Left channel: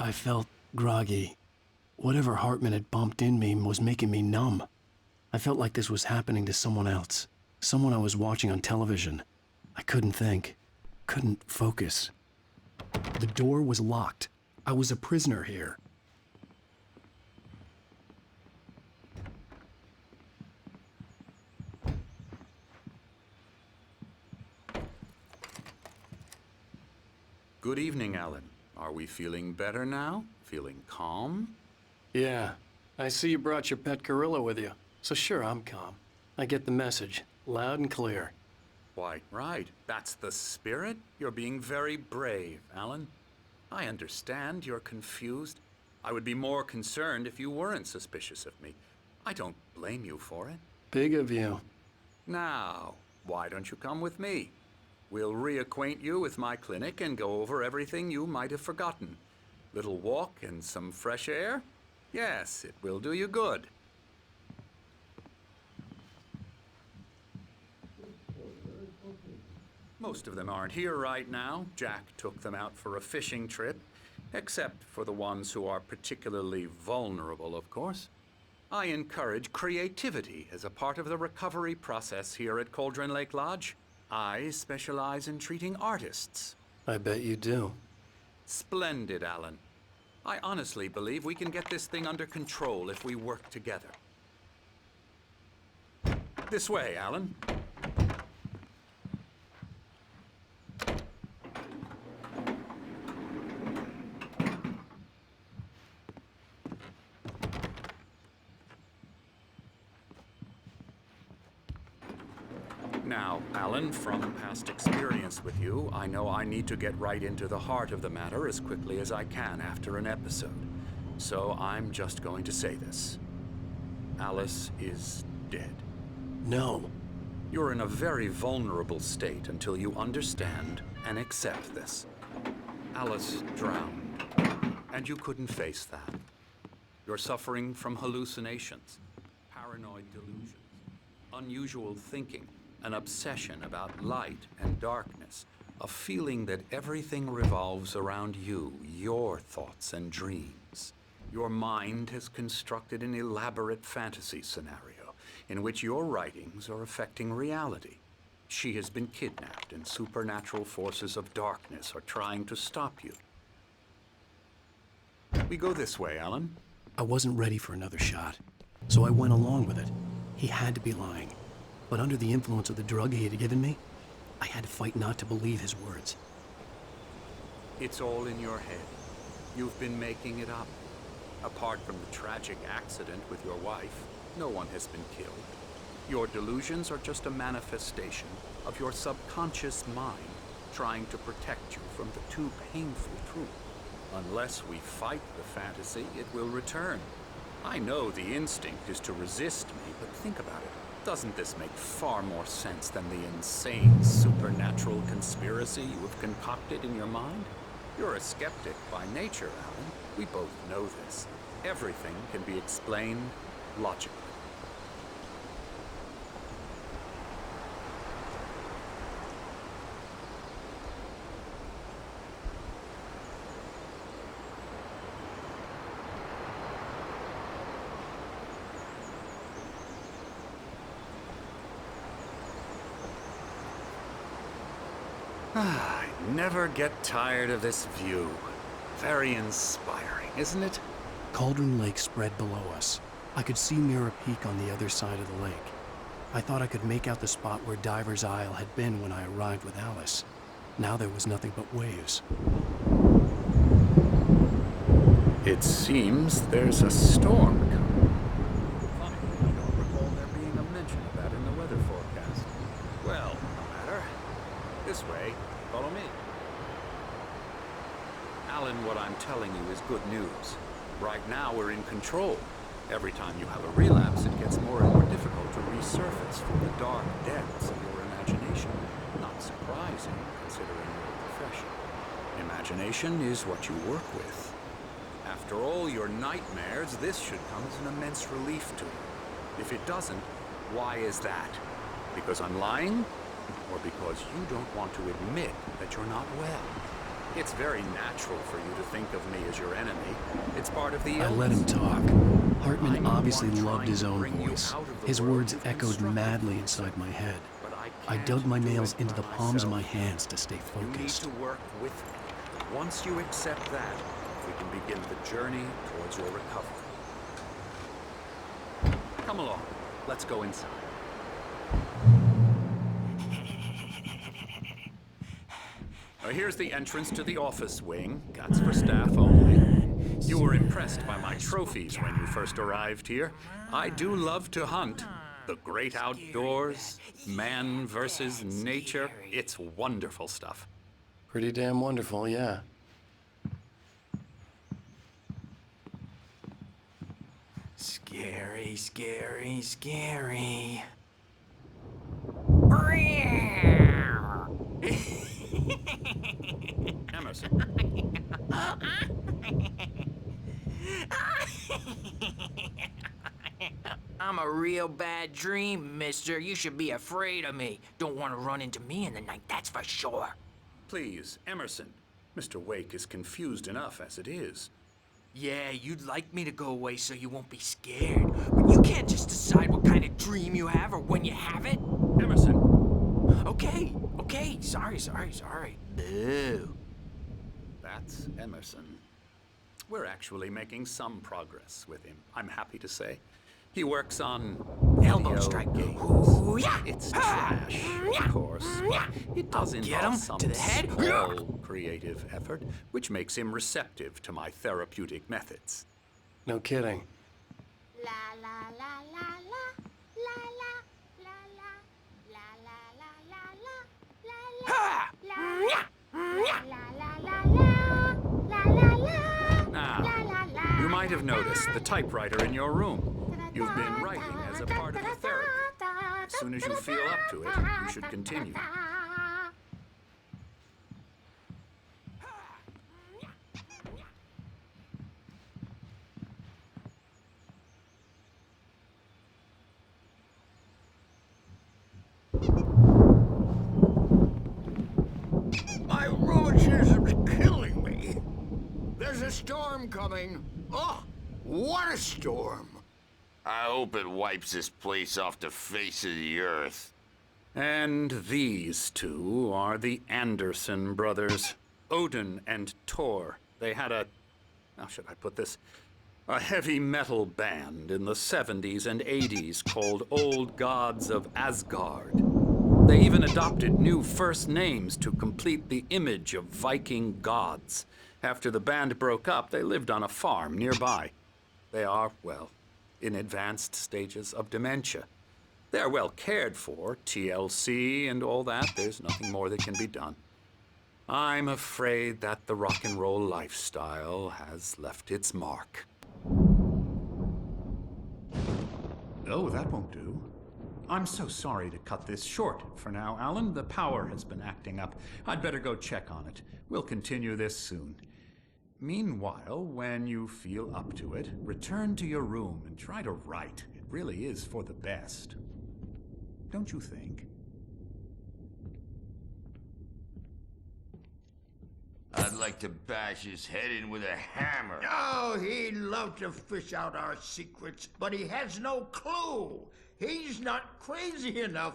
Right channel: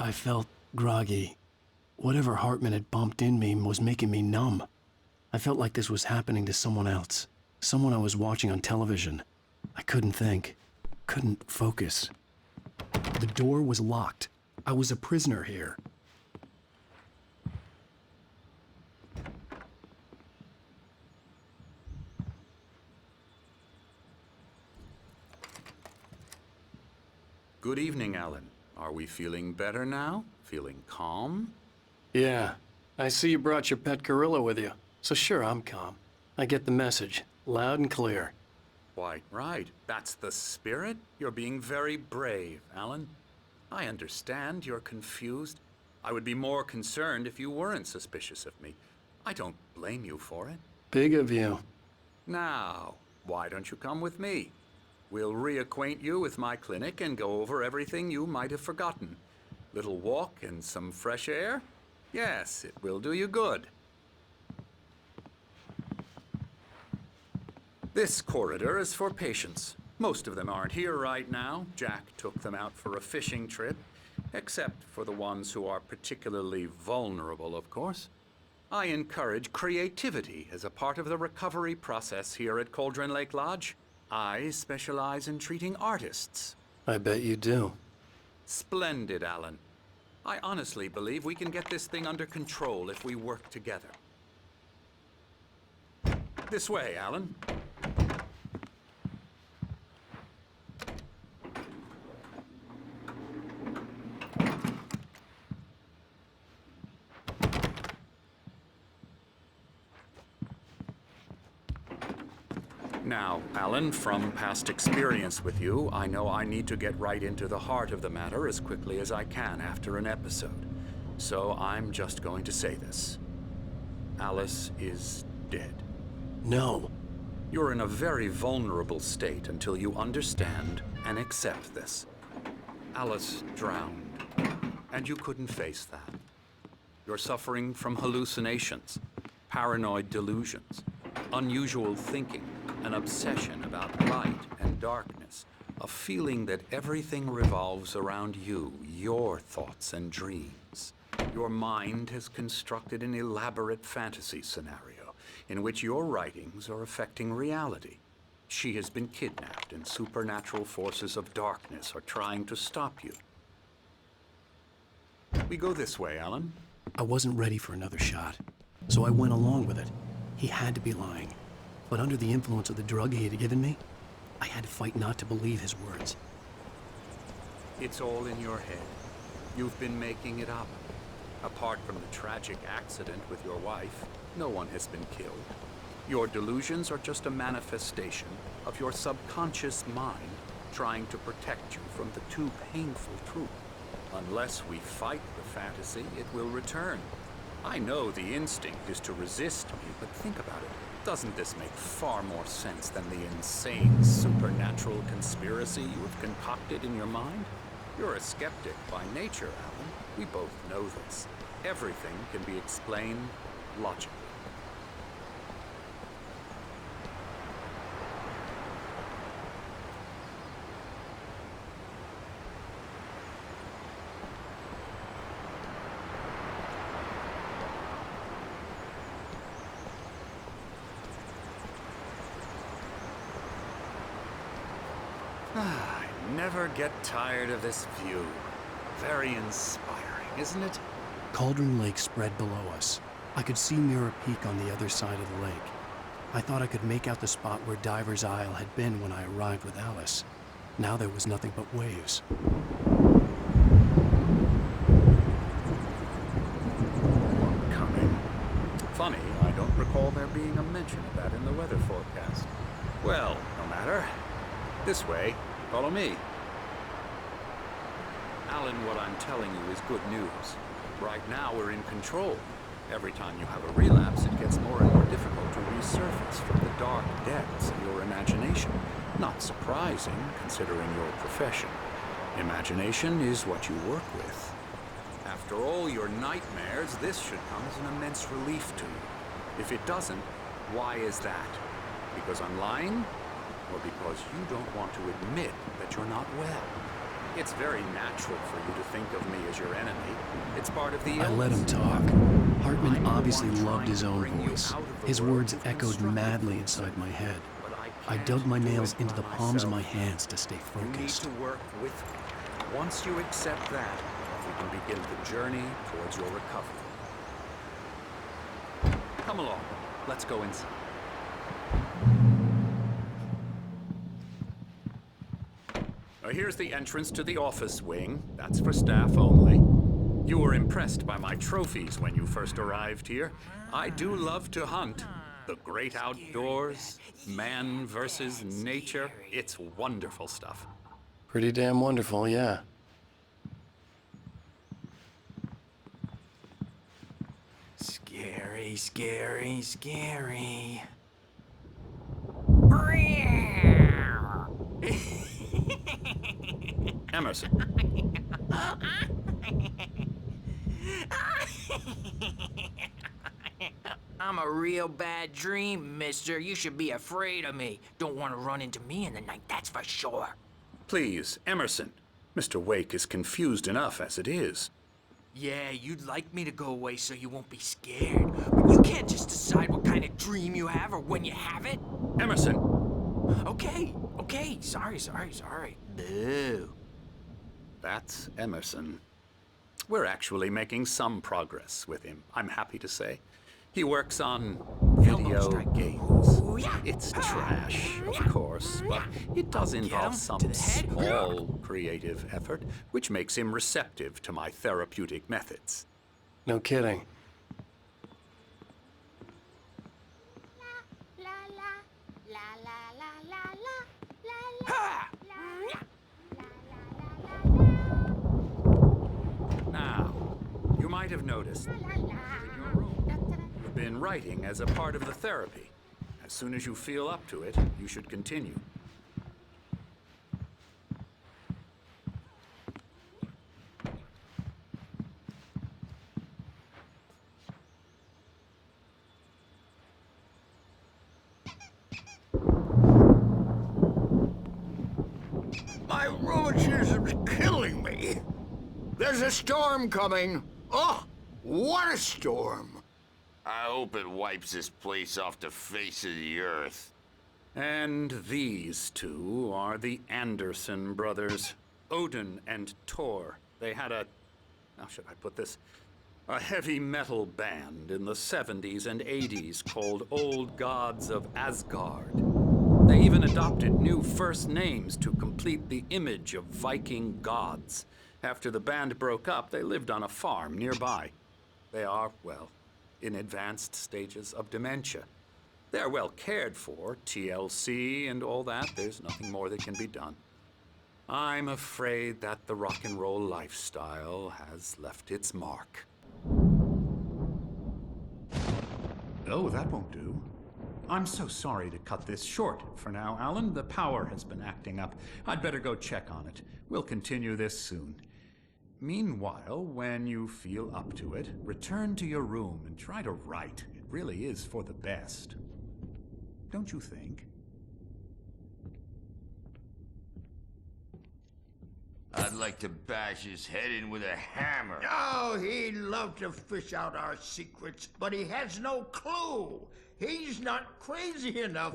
I felt groggy. Whatever Hartman had bumped in me was making me numb. I felt like this was happening to someone else. Someone I was watching on television. I couldn't think. Couldn't focus. The door was locked. I was a prisoner here. Good evening, Alan. Are we feeling better now? Feeling calm? Yeah. I see you brought your pet gorilla with you. So sure, I'm calm. I get the message. Loud and clear. Quite right. That's the spirit. You're being very brave, Alan. I understand you're confused. I would be more concerned if you weren't suspicious of me. I don't blame you for it. Big of you. Now, why don't you come with me? We'll reacquaint you with my clinic and go over everything you might have forgotten. Little walk and some fresh air? Yes, it will do you good. This corridor is for patients. Most of them aren't here right now. Jack took them out for a fishing trip, except for the ones who are particularly vulnerable, of course. I encourage creativity as a part of the recovery process here at Cauldron Lake Lodge. I specialize in treating artists. I bet you do. Splendid, Alan. I honestly believe we can get this thing under control if we work together. This way, Alan. Now, Alan, from past experience with you, I know I need to get right into the heart of the matter as quickly as I can after an episode. So I'm just going to say this. Alice is dead. No. You're in a very vulnerable state until you understand and accept this. Alice drowned, and you couldn't face that. You're suffering from hallucinations, paranoid delusions, unusual thinking, an obsession about light and darkness, a feeling that everything revolves around you, your thoughts and dreams. Your mind has constructed an elaborate fantasy scenario in which your writings are affecting reality. She has been kidnapped and supernatural forces of darkness are trying to stop you. We go this way, Alan. I wasn't ready for another shot, so I went along with it. He had to be lying. But under the influence of the drug he had given me, I had to fight not to believe his words. It's all in your head. You've been making it up. Apart from the tragic accident with your wife, no one has been killed. Your delusions are just a manifestation of your subconscious mind trying to protect you from the too painful truth. Unless we fight the fantasy, it will return. I know the instinct is to resist me, but think about it. Doesn't this make far more sense than the insane supernatural conspiracy you have concocted in your mind? You're a skeptic by nature, Alan. We both know this. Everything can be explained logically. I never get tired of this view. Very inspiring, isn't it? Cauldron Lake spread below us. I could see Mirror Peak on the other side of the lake. I thought I could make out the spot where Diver's Isle had been when I arrived with Alice. Now there was nothing but waves. It seems there's a storm coming. Funny, I don't recall there being a mention of that in the weather forecast. Well, no matter. This way. Follow me. Alan, what I'm telling you is good news. Right now, we're in control. Every time you have a relapse, it gets more and more difficult to resurface from the dark depths of your imagination. Not surprising, considering your profession. Imagination is what you work with. After all your nightmares, this should come as an immense relief to you. If it doesn't, why is that? Because I'm lying? Or because you don't want to admit that you're not well? It's very natural for you to think of me as your enemy. It's part of the illness. I let him talk. After all, Hartman I'm the obviously one loved trying his to own bring you voice. out of the His world words you've echoed constructed madly for inside yourself. my head. But I can't dug my do nails it into by the palms of my myself. hands to stay You need focused. to work with me. Once you accept that, we can begin the journey towards your recovery. Come along. Let's go inside. Now, here's the entrance to the office wing. That's for staff only. You were impressed by my trophies when you first arrived here. I do love to hunt. The great outdoors, man versus nature. It's wonderful stuff. Pretty damn wonderful, yeah. Scary, scary, scary. Emerson, I'm a real bad dream, mister. You should be afraid of me. Don't want to run into me in the night, that's for sure. please, Emerson. Mr. Wake is confused enough as it is. Yeah, you'd like me to go away so you won't be scared. But you can't just decide what kind of dream you have or when you have it. Emerson, Okay, sorry. Boo. that's Emerson. We're actually making some progress with him, I'm happy to say. He works on Elbow video strike. games. Ooh, yeah. It's trash, of course, but it does Get involve him some to the head. small creative effort, which makes him receptive to my therapeutic methods. No kidding. La la la la la la la la la la la la la la Ha! la la la la la la. Now, you might have noticed the typewriter in your room. You've been writing as a part of the therapy. As soon as you feel up to it, you should continue. My rheumatism's killing me. There's a storm coming. Oh, what a storm. I hope it wipes this place off the face of the earth. And these two are the Anderson brothers, Odin and Thor. They had how should I put this? A heavy metal band in the 70s and 80s called Old Gods of Asgard. They even adopted new first names to complete the image of Viking gods. After the band broke up, they lived on a farm nearby. They are, well, in advanced stages of dementia. They're well cared for, TLC and all that. There's nothing more that can be done. I'm afraid that the rock and roll lifestyle has left its mark. Oh, that won't do. I'm so sorry to cut this short for now, Alan. The power has been acting up. I'd better go check on it. We'll continue this soon. Meanwhile, when you feel up to it, return to your room and try to write. It really is for the best. Don't you think? I'd like to bash his head in with a hammer. Oh, he'd love to fish out our secrets, but he has no clue. He's not crazy enough.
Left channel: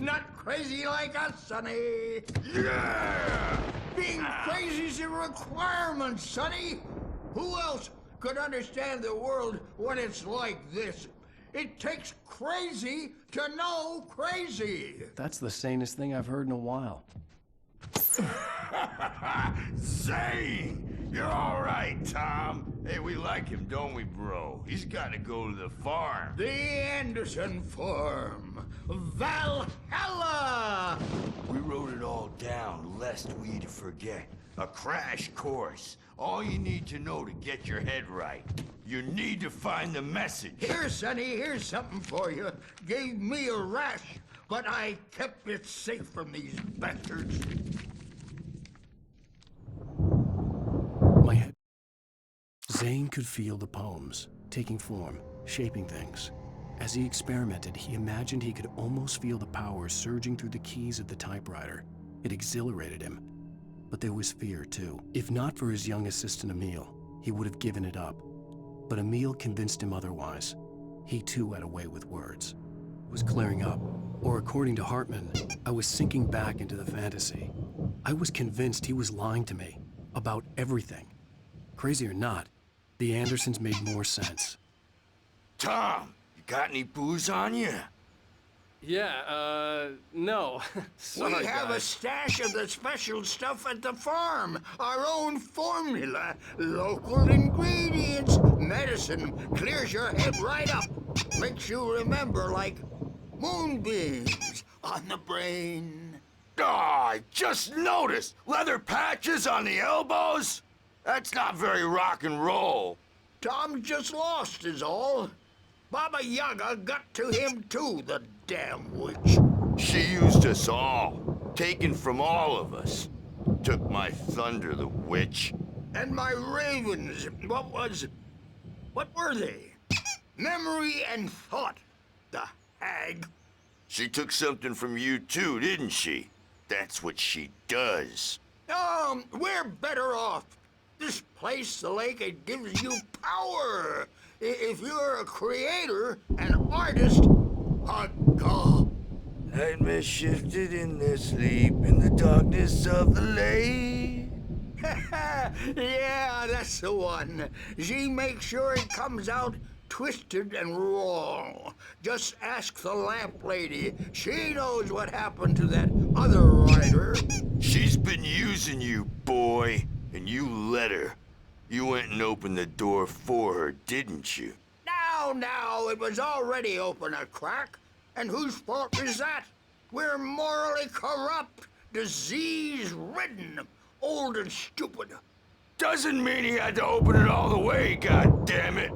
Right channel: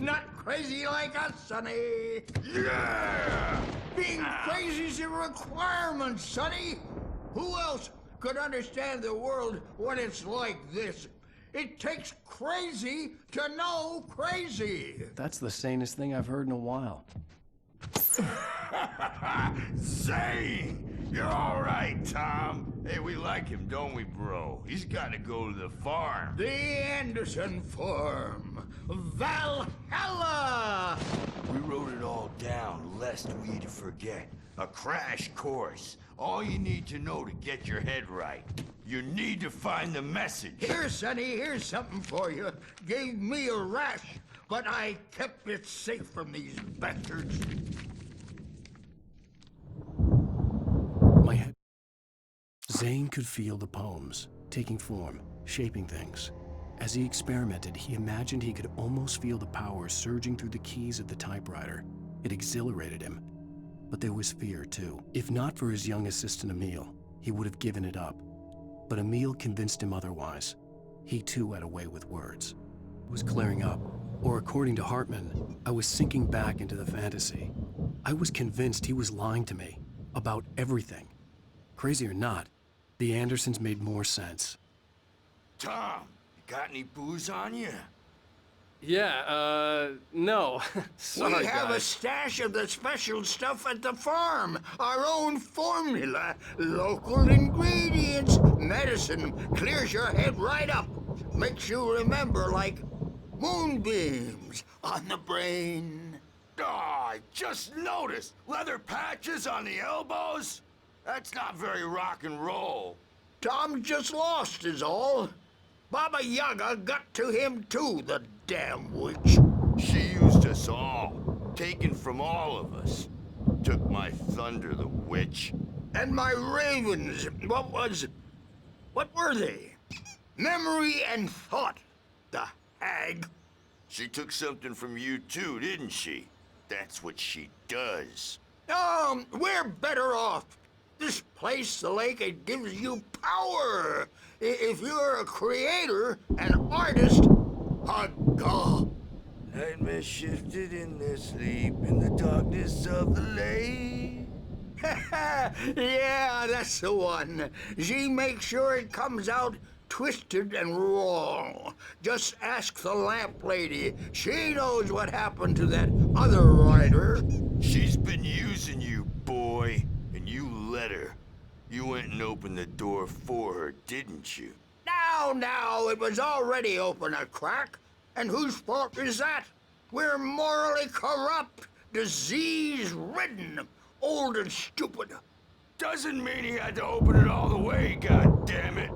Not crazy like us, Sonny. Yeah! Being crazy's a requirement, Sonny. Who else could understand the world when it's like this? It takes crazy to know crazy. That's the sanest thing I've heard in a while. Zane! You're all right, Tom. Hey, we like him, don't we, bro? He's got to go to the farm. The Anderson Farm. Valhalla! We wrote it all down, lest we to forget. A crash course. All you need to know to get your head right. You need to find the message. Here, Sonny, here's something for you. Gave me a rash, but I kept it safe from these bastards. My head. Zane could feel the poems, taking form, shaping things. As he experimented, he imagined he could almost feel the power surging through the keys of the typewriter. It exhilarated him. but there was fear too. If not for his young assistant Emil, he would have given it up. But Emil convinced him otherwise. He too had a way with words. It was clearing up, or according to Hartman, I was sinking back into the fantasy. I was convinced he was lying to me about everything. Crazy or not, the Andersons made more sense. Tom, you got any booze on you? Yeah, no. Sorry, We have a guys. stash of the special stuff at the farm. Our own formula. Local ingredients. Medicine clears your head right up. Makes you remember like moonbeams on the brain. Oh, I just noticed. Leather patches on the elbows? That's not very rock and roll. Tom just lost is all. Baba Yaga got to him too, the damn witch. She used us all. Taken from all of us. Took my thunder, the witch. And my ravens, what were they? Memory and thought, the hag. She took something from you too, didn't she? That's what she does. We're better off. This place, the lake, it gives you power. If you're a creator, an artist, a god. Nightmare shifted in their sleep in the darkness of the lake. Yeah, that's the one. She makes sure it comes out twisted and wrong. Just ask the lamp lady. She knows what happened to that other writer. She's been using you, boy, and you let her. You went and opened the door for her, didn't you? Now, it was already open a crack. And whose fault is that? We're morally corrupt, disease-ridden, old and stupid. Doesn't mean he had to open it all the way, goddammit.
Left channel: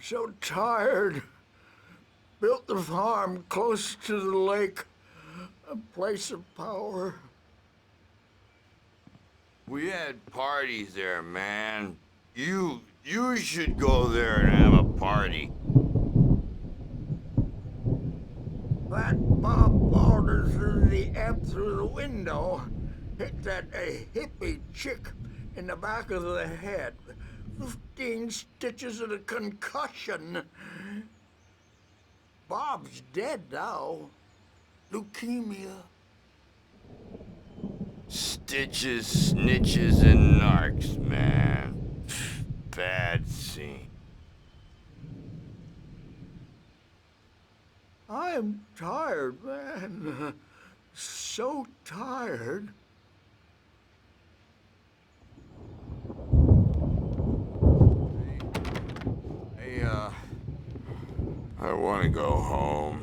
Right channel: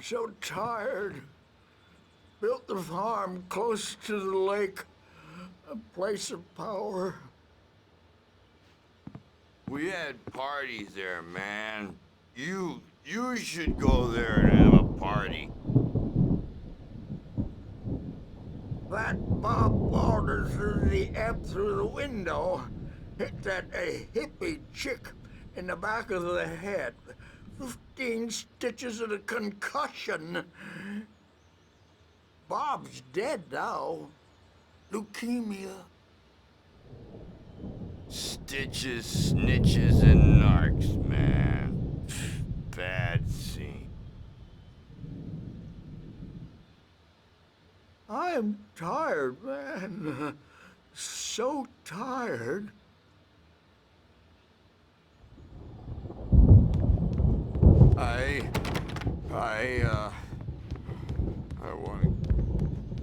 So tired. Built the farm close to the lake. A place of power. We had parties there, man. You should go there and have a party. That Bob Balder threw the amp through the window. Hit that hippie chick in the back of the head. 15 stitches and a concussion. Bob's dead now. Leukemia. Stitches, snitches, and narcs, man. Bad scene. I'm tired, man. So tired. I want to go home.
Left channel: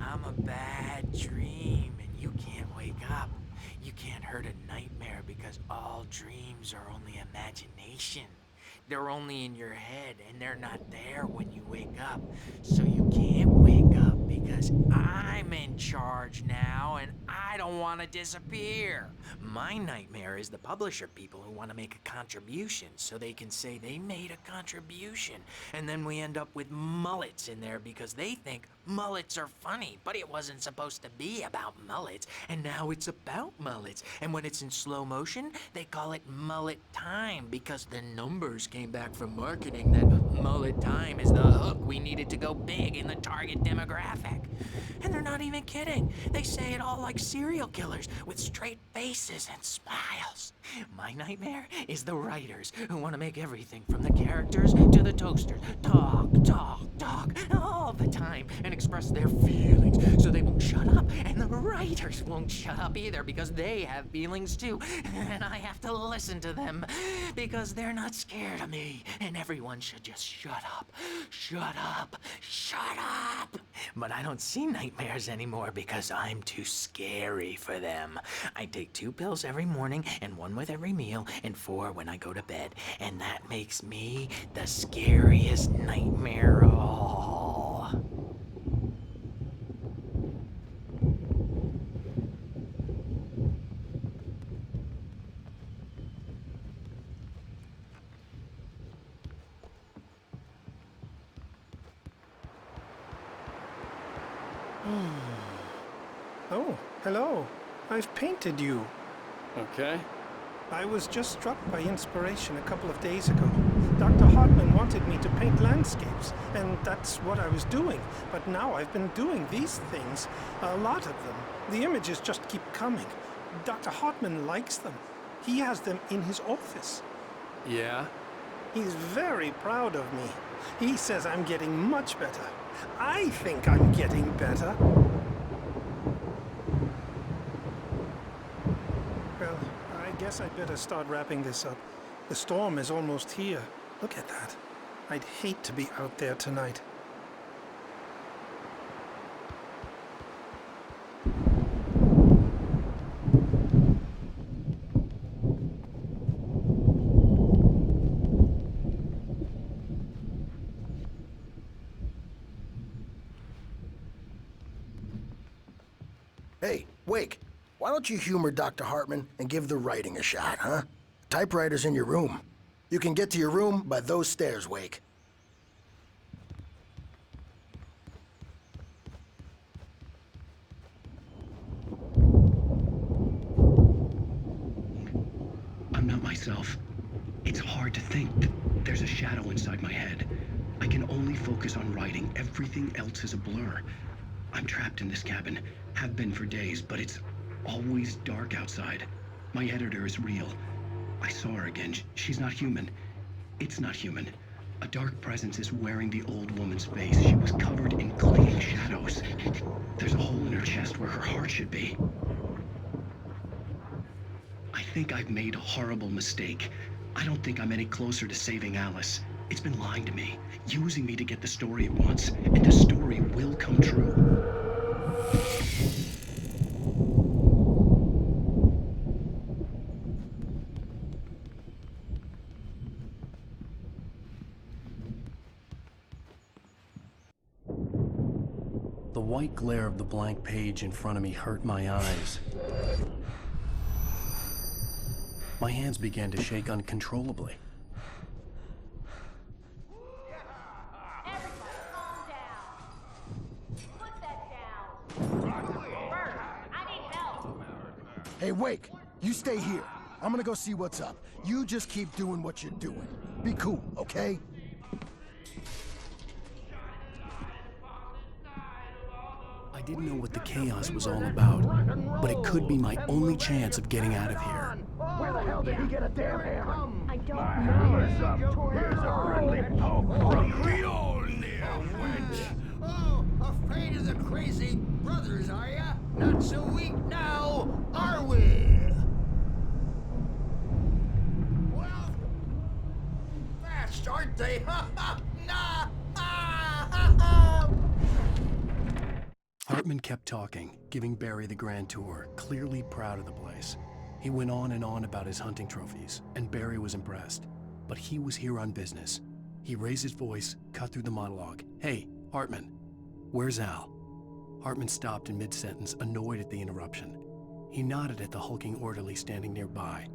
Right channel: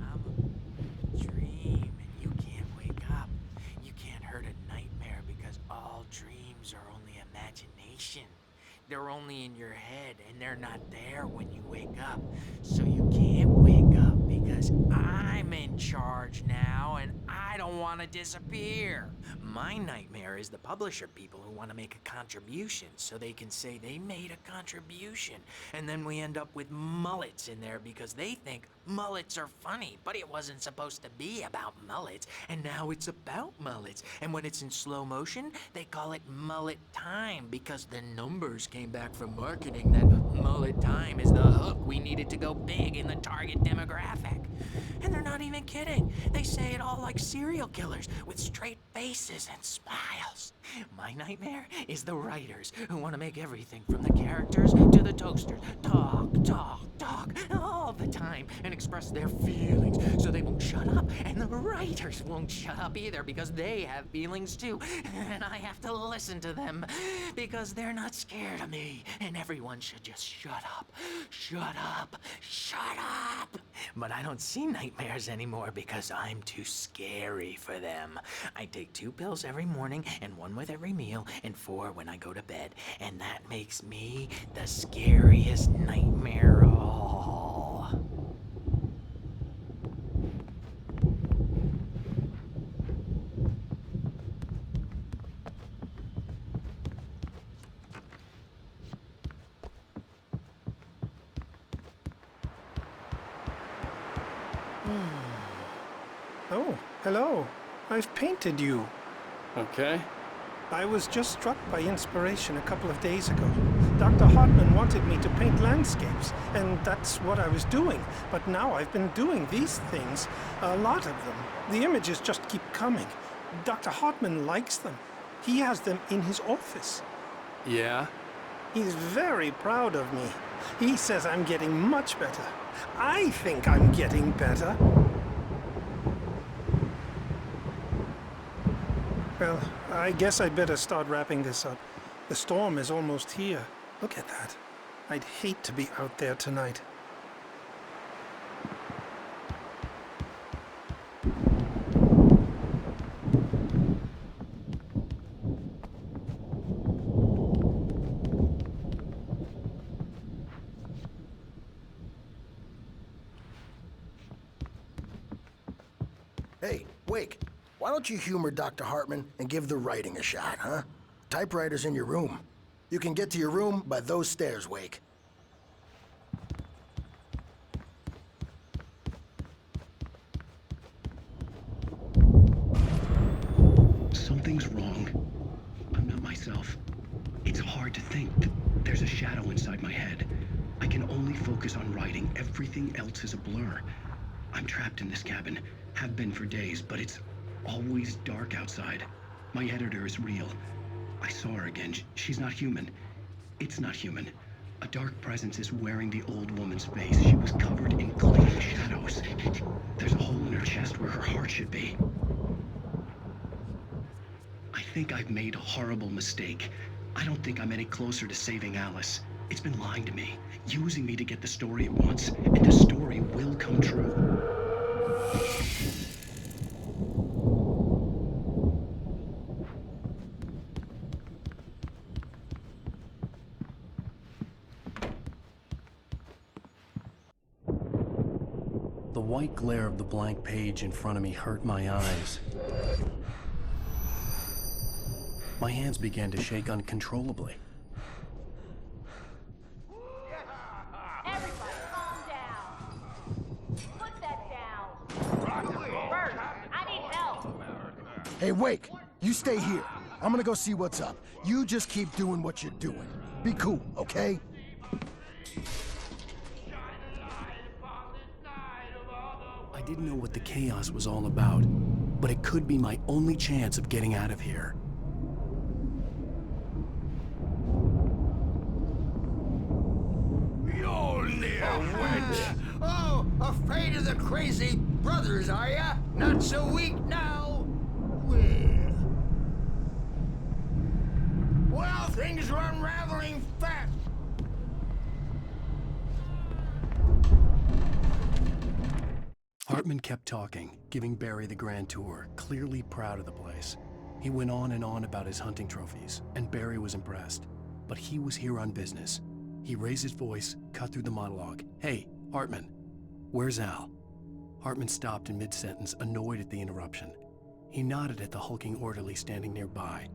I'm a bad dream, and you can't wake up. You can't hurt a nightmare because all dreams are only imagination. They're only in your head, and they're not there when you wake up. So you can't wake up because I'm in charge now, and I don't want to disappear. My nightmare is the publisher people who want to make a contribution so they can say they made a contribution. And then we end up with mullets in there because they think mullets are funny, but it wasn't supposed to be about mullets, and now it's about mullets. And when it's in slow motion, they call it mullet time because the numbers came back from marketing that mullet time is the hook we needed to go big in the target demographic. And they're not even kidding. They say it all like serial killers with straight faces and smiles. My nightmare is the writers who want to make everything from the characters to the toasters talk all the time and express their feelings so they won't shut up. And the writers won't shut up either because they have feelings too. And I have to listen to them because they're not scared of me. And everyone should just shut up. Shut up. Shut up. But I don't see nightmares anymore because I'm too scary for them. I take 2 pills every morning and 1 with every meal and 4 when I go to bed. And that makes me the scariest nightmare of all. Oh, hello. I've painted you. Okay. I was just struck by inspiration a couple of days ago. Dr. Hartman wanted me to paint landscapes, and that's what I was doing. But now I've been doing these things, a lot of them. The images just keep coming. Dr. Hartman likes them. He has them in his office. Yeah? He's very proud of me. He says I'm getting much better. I think I'm getting better. Well, I guess I'd better start wrapping this up. The storm is almost here. Look at that. I'd hate to be out there tonight. Hey, Wake, why don't you humor Dr. Hartman and give the writing a shot, huh? Typewriter's in your room. You can get to your room by those stairs, Wake. Something's wrong. I'm not myself. It's hard to think. There's a shadow inside my head. I can only focus on writing. Everything else is a blur. I'm trapped in this cabin. Have been for days, but it's always dark outside. My editor is real. I saw her again. She's not human. It's not human. A dark presence is wearing the old woman's face. She was covered in clinging shadows. There's a hole in her chest where her heart should be. I think I've made a horrible mistake. I don't think I'm any closer to saving Alice. It's been lying to me, using me to get the story it wants, and the story will come true. The white glare of the blank page in front of me hurt my eyes. My hands began to shake uncontrollably. Everybody, calm down. Put that down. Bert, I need help. Hey, Wake, you stay here. I'm gonna go see what's up. You just keep doing what you're doing. Be cool, okay? I didn't know what the chaos was all about, but it could be my only chance of getting out of here. Where the hell did he get a damn hammer? I don't Oh, afraid of the crazy brothers, are ya? Not so weak now, are we? Well, things are unraveling fast, aren't they? Hartman kept talking, giving Barry the grand tour, clearly proud of the place. He went on and on about his hunting trophies, and Barry was impressed. But he was here on business. He raised his voice, cut through the monologue. Hey, Hartman, where's Al? Hartman stopped in mid-sentence, annoyed at the interruption. He nodded at the hulking orderly standing nearby.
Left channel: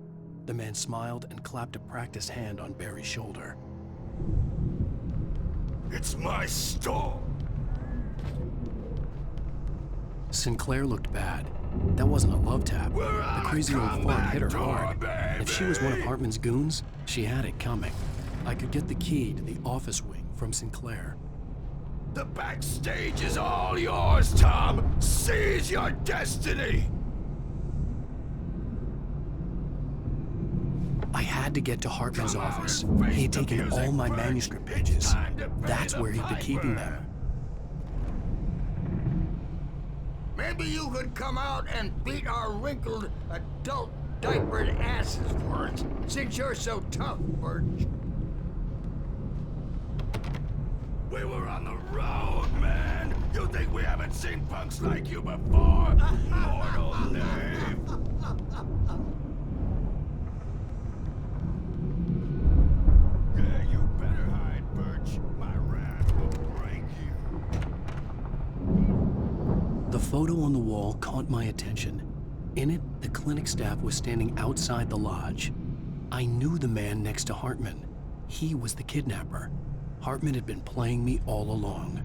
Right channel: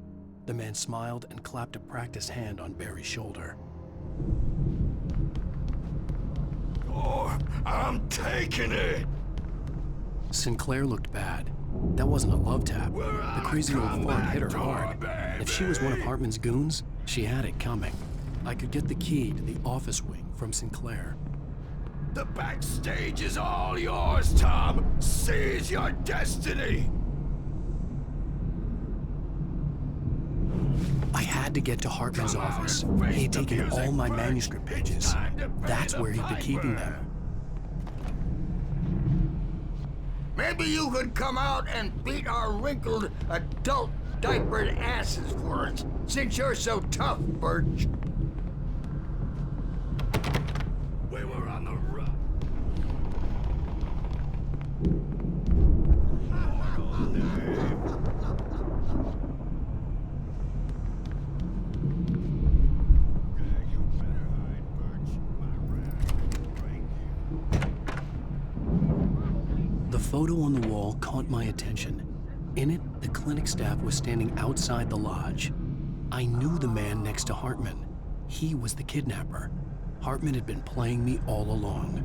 The man smiled and clapped a practiced hand on Barry's shoulder. It's my store. I'm taking it. Sinclair looked bad. That wasn't a love tap. The crazy old fart hit her hard. If she was one of Hartman's goons, she had it coming. I could get the key to the office wing from Sinclair. The backstage is all yours, Tom. Seize your destiny. I had to get to Hartman's office. He had taken all my manuscript pages. That's where he'd be keeping them. Maybe you could come out and beat our wrinkled, adult, diapered asses for us, since you're so tough, Birch. We were on the road, man. You think we haven't seen punks like you before. Mortal Dave. Yeah, you better hide, Birch. My wrath will break you. The photo on the wall caught my attention. In it, the clinic staff was standing outside the lodge. I knew the man next to Hartman. He was the kidnapper. Hartman had been playing me all along.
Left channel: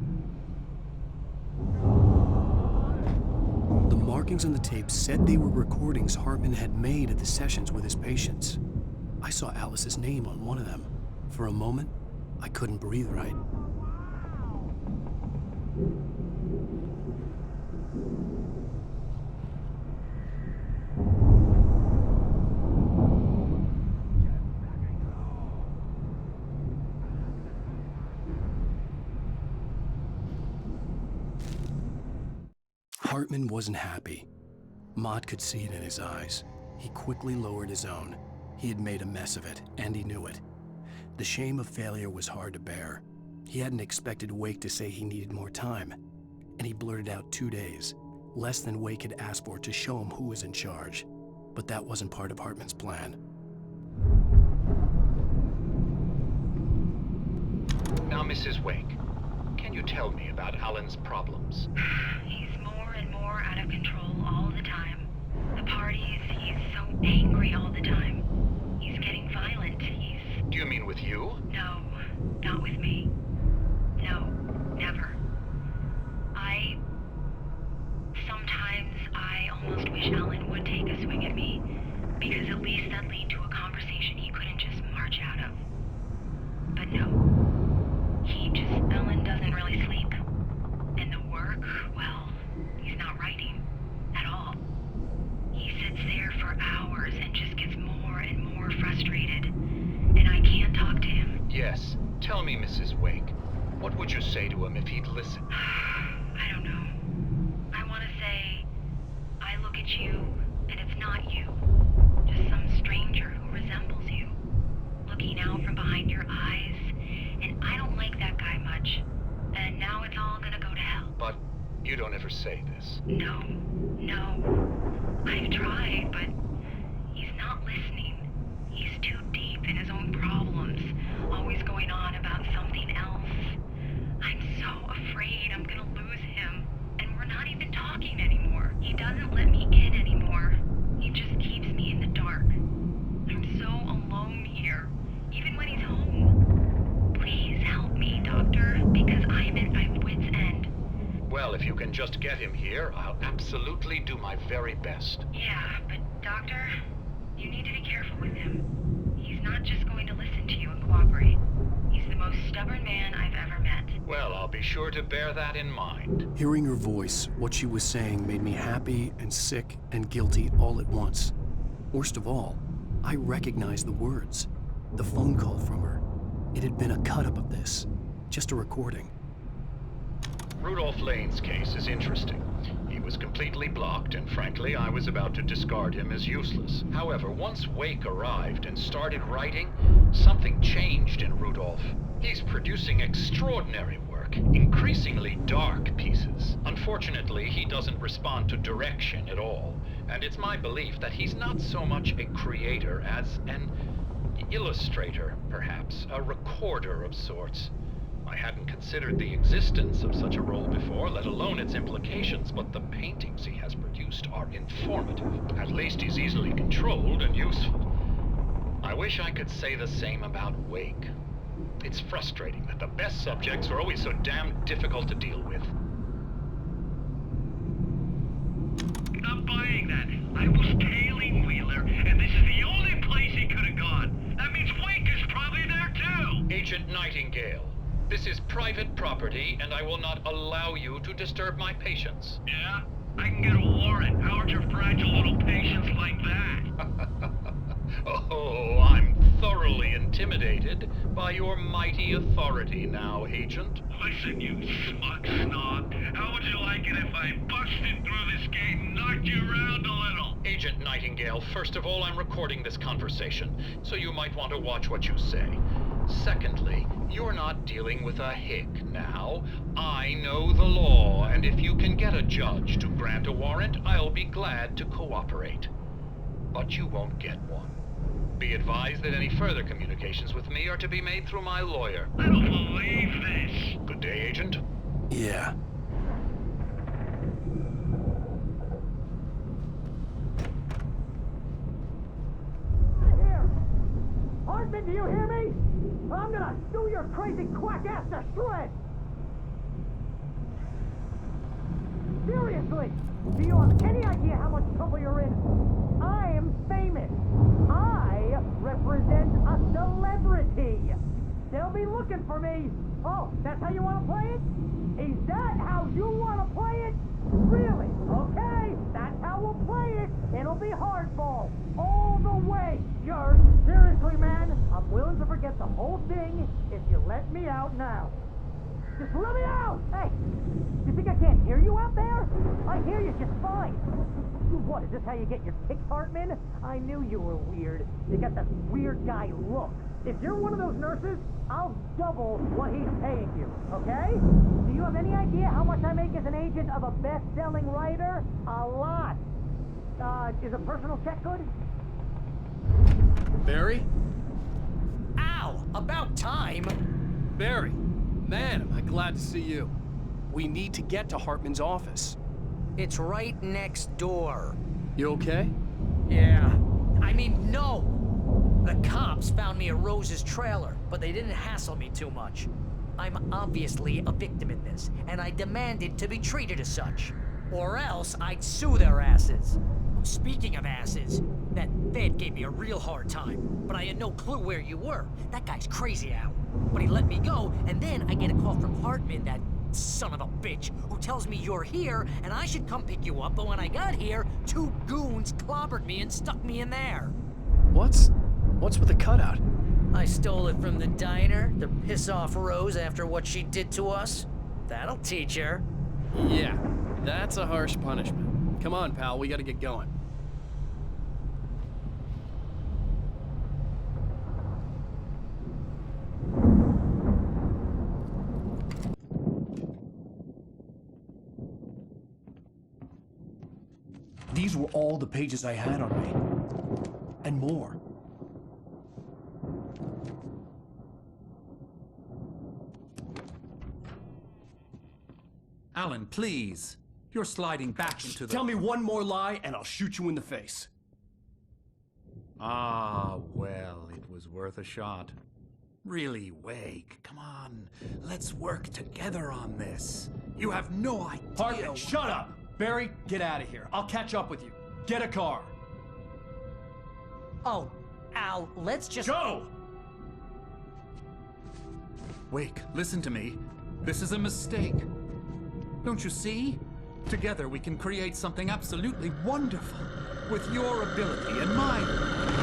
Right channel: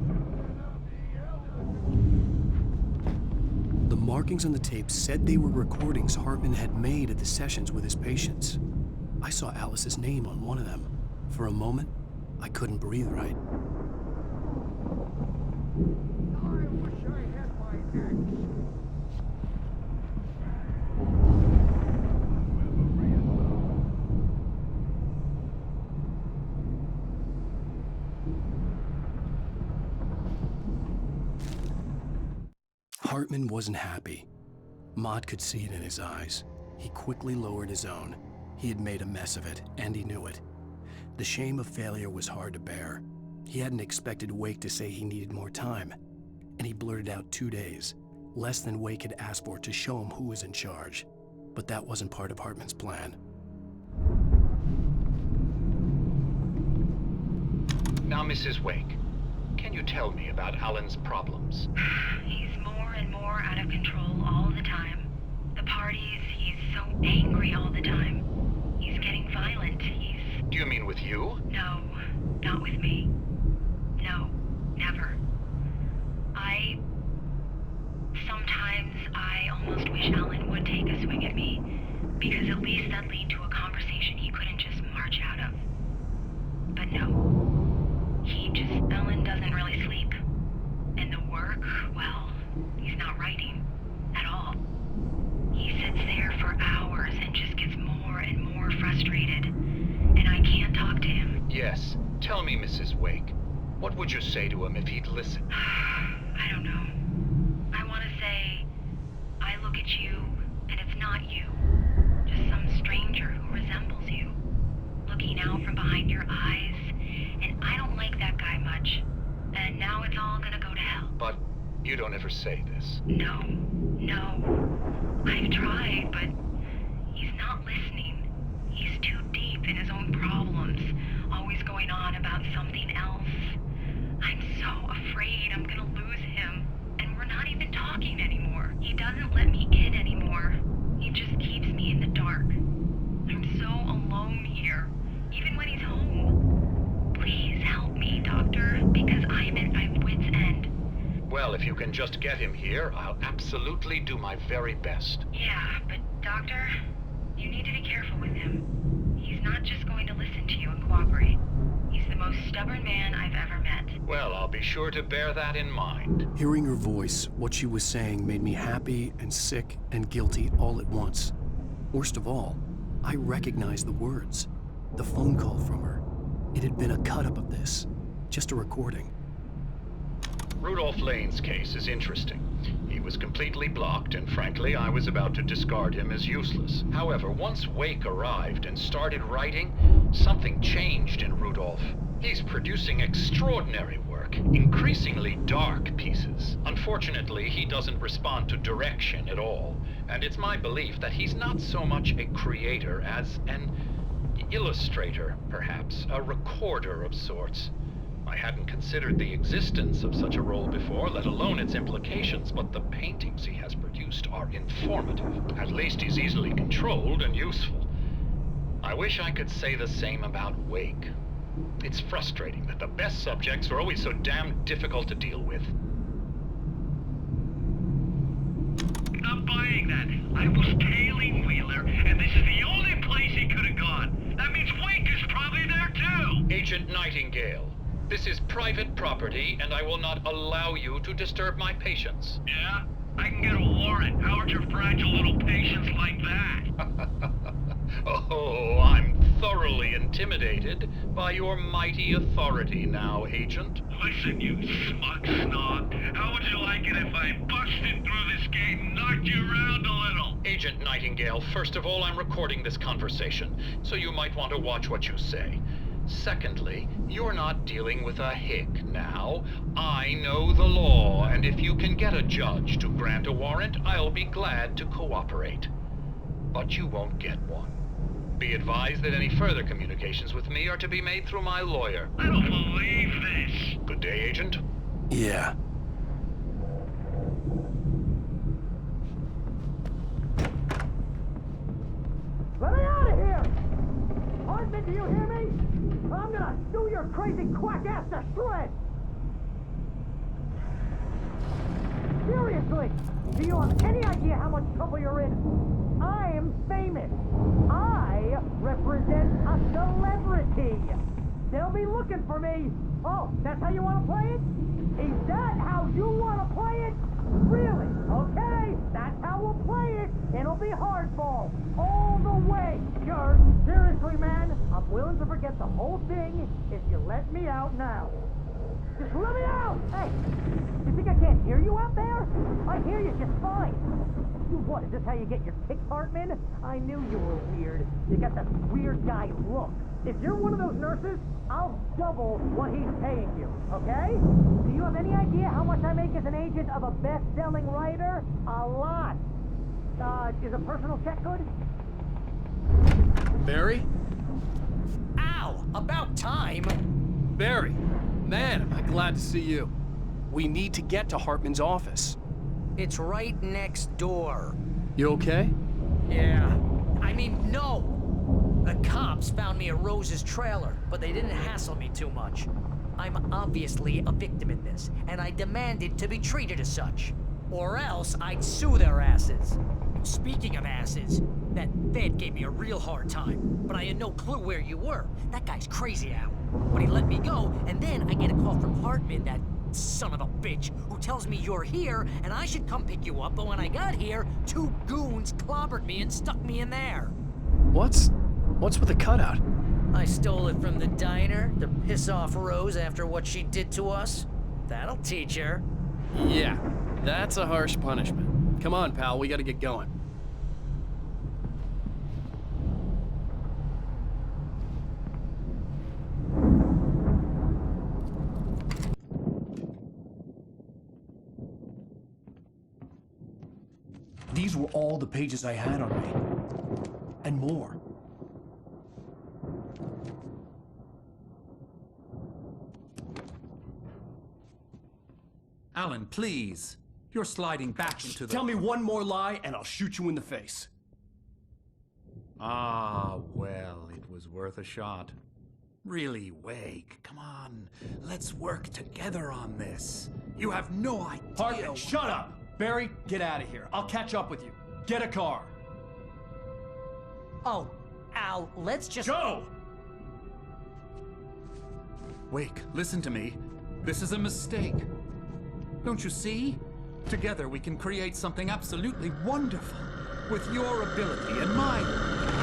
The markings on the tape said they were recordings Hartman had made at the sessions with his patients. I saw Alice's name on one of them. For a moment, I couldn't breathe right. Hartman wasn't happy. Mott could see it in his eyes. He quickly lowered his own. He had made a mess of it, and he knew it. The shame of failure was hard to bear. He hadn't expected Wake to say he needed more time, and he blurted out 2 days, less than Wake had asked for to show him who was in charge. But that wasn't part of Hartman's plan. Now, Mrs. Wake, can you tell me about Alan's problems? He's more and more out of control all the time. The parties, he's so angry all the time. He's getting violent. Do you mean with you? No, not with me. No, never. Sometimes I almost wish Alan would take a swing at me, because at least that'd lead to a conversation he couldn't just march out of. But no. Alan doesn't really sleep. And the work, well, he's not writing at all. He sits there for hours and just gets more and more frustrated. And I can't talk to him. Yes. Tell me, Mrs. Wake. What would you say to him if he'd listen? I don't know. I want to say, I look at you, and it's not you. Just some stranger who resembles you. Looking out from behind your eyes. And I don't like that guy much. And now it's all gonna go to hell. But you don't ever say this. No. I've tried, but he's not listening. He's too deep in his own problems, always going on about something else. I'm so afraid I'm gonna lose him, and we're not even talking anymore. He doesn't let me in anymore. He just keeps me in the dark. I'm so alone here, even when he's home. Please help me, Doctor, because I'm at my wit's end. Well, if you can just get him here, I'll absolutely do my very best. Yeah, but Doctor, you need to be careful with him. He's not just going to listen to you and cooperate. He's the most stubborn man I've ever met. Well, I'll be sure to bear that in mind. Hearing her voice, what she was saying made me happy and sick and guilty all at once. Worst of all, I recognized the words. The phone call from her. It had been a cut-up of this. Just a recording. Rudolph Lane's case is interesting. He was completely blocked, and frankly, I was about to discard him as useless. However, once Wake arrived and started writing, something changed in Rudolph. He's producing extraordinary work, increasingly dark pieces. Unfortunately, he doesn't respond to direction at all, and it's my belief that he's not so much a creator as an illustrator, perhaps, a recorder of sorts. I hadn't considered the existence of such a role before, let alone its implications, but the paintings he has produced are informative. At least he's easily controlled and useful. I wish I could say the same about Wake. It's frustrating that the best subjects are always so damn difficult to deal with. Not buying that. I was tailing Wheeler, and this is the only place he could have gone. That means Wake is probably there too! Agent Nightingale, this is private property, and I will not allow you to disturb my patients. Yeah? I can get a warrant. How'd your fragile little patients like that? Oh, I'm thoroughly intimidated by your mighty authority now, Agent. Listen, you smug snob. How would you like it if I busted through this gate and knocked you around a little? Agent Nightingale, first of all, I'm recording this conversation, so you might want to watch what you say. Secondly, you're not dealing with a hick now. I know the law, and if you can get a judge to grant a warrant, I'll be glad to cooperate. But you won't get one. Be advised that any further communications with me are to be made through my lawyer. I don't believe this. Good day, Agent. Yeah. Let me out of here! Hartman, do you hear me? I'm gonna sue your crazy quack ass to shreds! Seriously! Do you have any idea how much trouble you're in? I'm famous! I represent a celebrity! They'll be looking for me! Oh, that's how you want to play it? Is that how you want to play it? Really? Okay, that's how we'll play it. It'll be hardball, all the way. Sure, seriously, man, I'm willing to forget the whole thing if you let me out now. Just let me out! Hey, you think I can't hear you out there? I hear you just fine. What, is this how you get your kicks, Hartman? I knew you were weird. You got that weird guy look. If you're one of those nurses, I'll double what he's paying you, okay? Do you have any idea how much I make as an agent of a best-selling writer? A lot. Is a personal check good? Barry? Ow! About time! Barry! Man, am I glad to see you. We need to get to Hartman's office. It's right next door. You okay? Yeah. I mean, no! The cops found me at Rose's trailer, but they didn't hassle me too much. I'm obviously a victim in this, and I demanded to be treated as such. Or else I'd sue their asses. Speaking of asses, that Fed gave me a real hard time, but I had no clue where you were. That guy's crazy, Al. But he let me go, and then I get a call from Hartman, that son of a bitch, who tells me you're here, and I should come pick you up, but when I got here, 2 goons clobbered me and stuck me in there. What's with the cutout? I stole it from the diner to piss off Rose after what she did to us. That'll teach her. Yeah, that's a harsh punishment. Come on, pal, we gotta get going. These were all the pages I had on me. And more. Alan, please. You're sliding back into the... Tell me one more lie and I'll shoot you in the face. Ah, well, it was worth a shot. Really, Wake, come on. Let's work together on this. You have no idea... Hartman, shut up! Barry, get out of here. I'll catch up with you. Get a car. Oh, Al, let's just... Go! Wake, listen to me. This is a mistake. Don't you see? Together we can create something absolutely wonderful. With your ability and mine.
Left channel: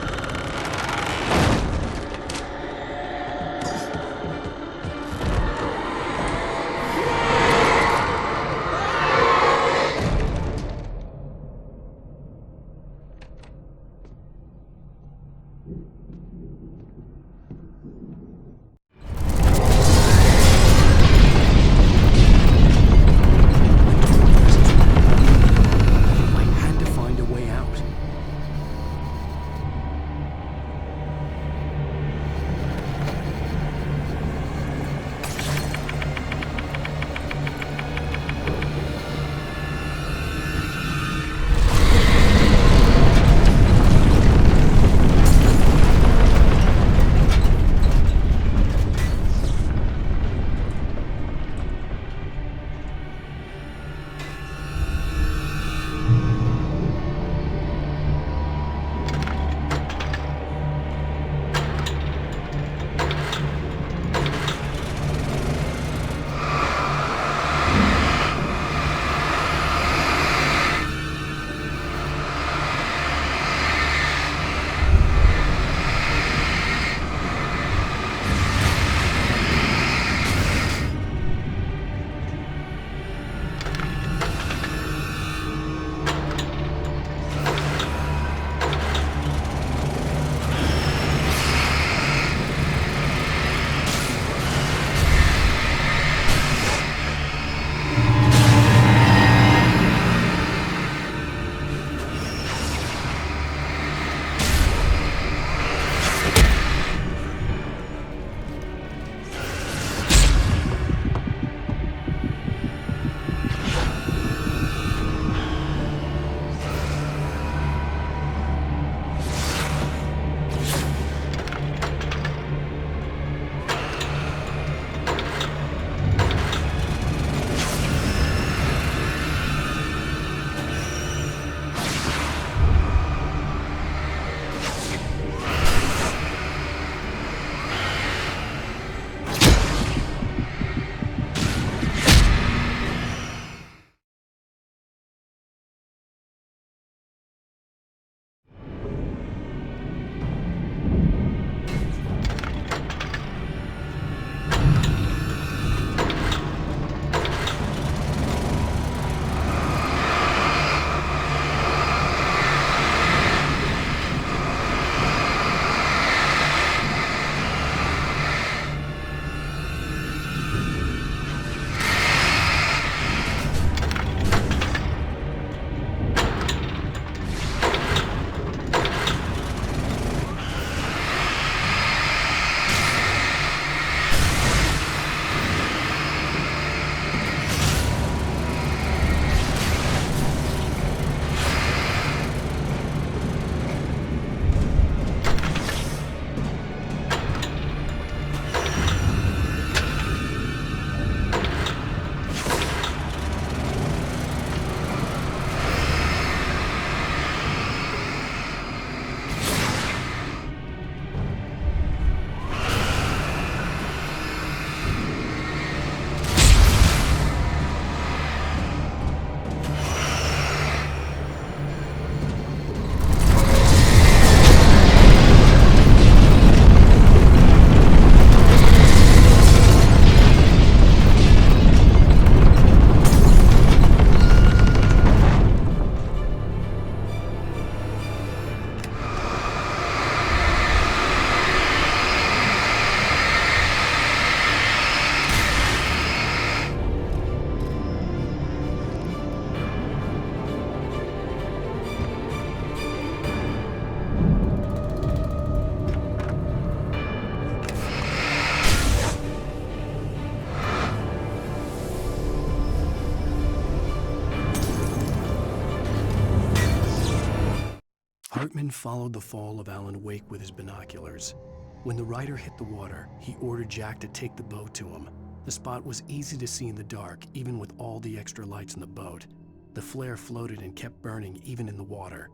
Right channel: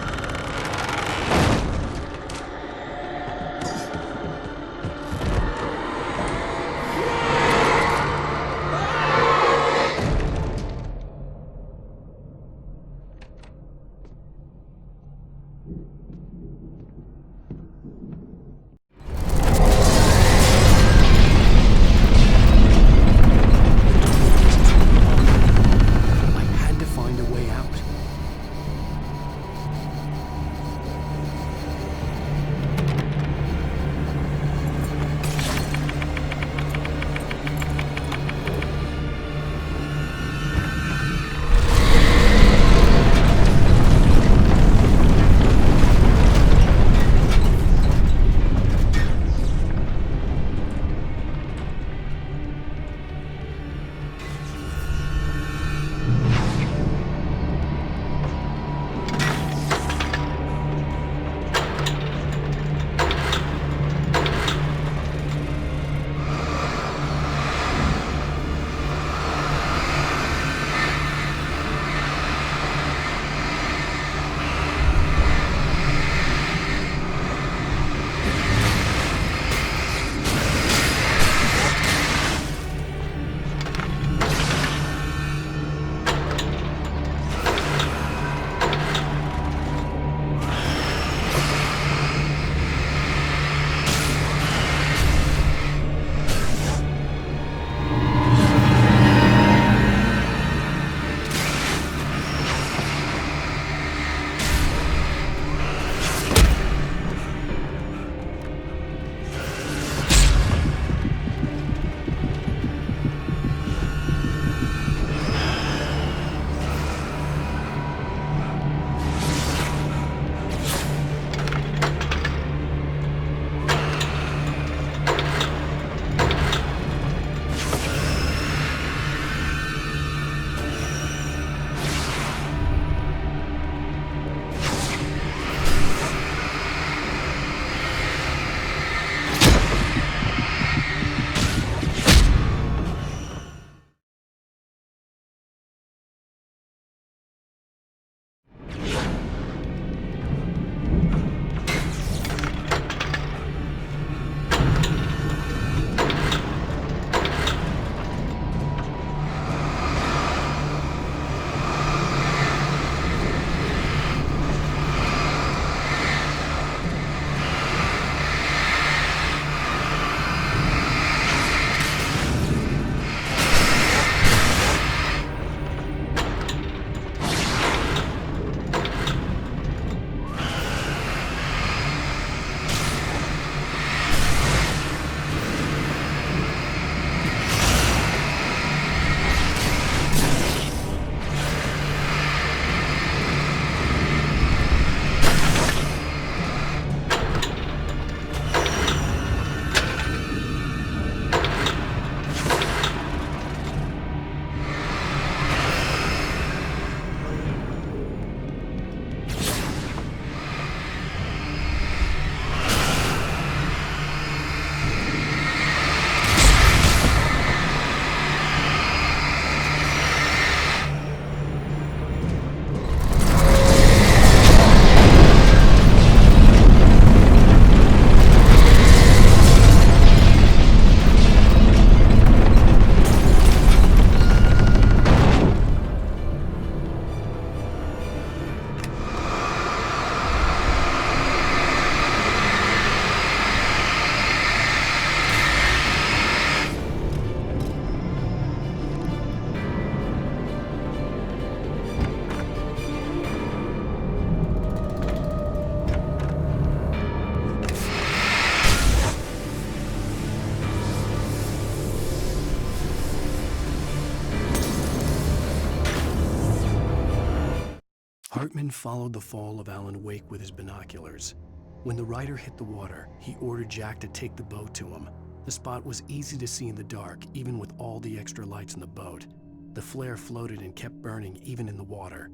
Hartman followed the fall of Alan Wake with his binoculars. When the rider hit the water, he ordered Jack to take the boat to him. The spot was easy to see in the dark, even with all the extra lights in the boat. The flare floated and kept burning even in the water.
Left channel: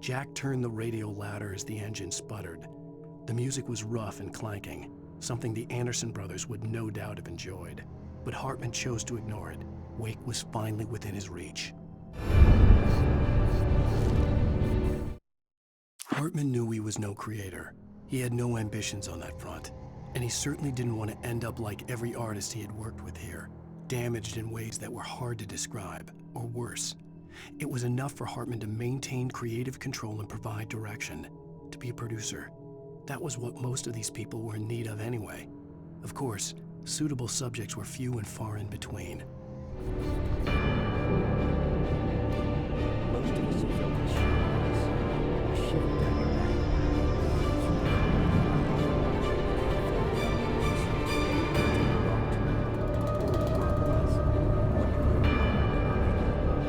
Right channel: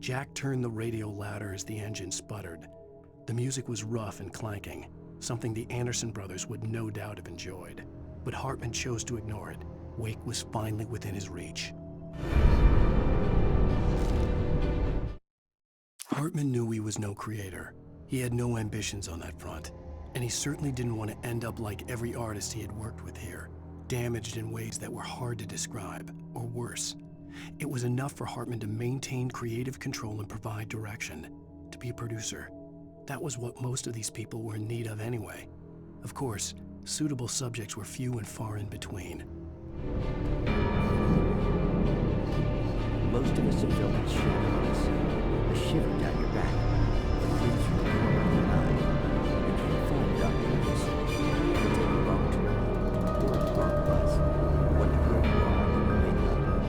Jack turned the radio louder as the engine sputtered. The music was rough and clanking, something the Anderson brothers would no doubt have enjoyed. But Hartman chose to ignore it. Wake was finally within his reach. Hartman knew he was no creator. He had no ambitions on that front, and he certainly didn't want to end up like every artist he had worked with here, damaged in ways that were hard to describe, or worse. It was enough for Hartman to maintain creative control and provide direction, to be a producer. That was what most of these people were in need of anyway. Of course, suitable subjects were few and far in between. Most of us have felt it shadows, a shiver down your back, a breeze from the corner of your eye. You can't find it on purpose. You'll take a wrong turn, or the wrong bus, wonder where you are when you wake up,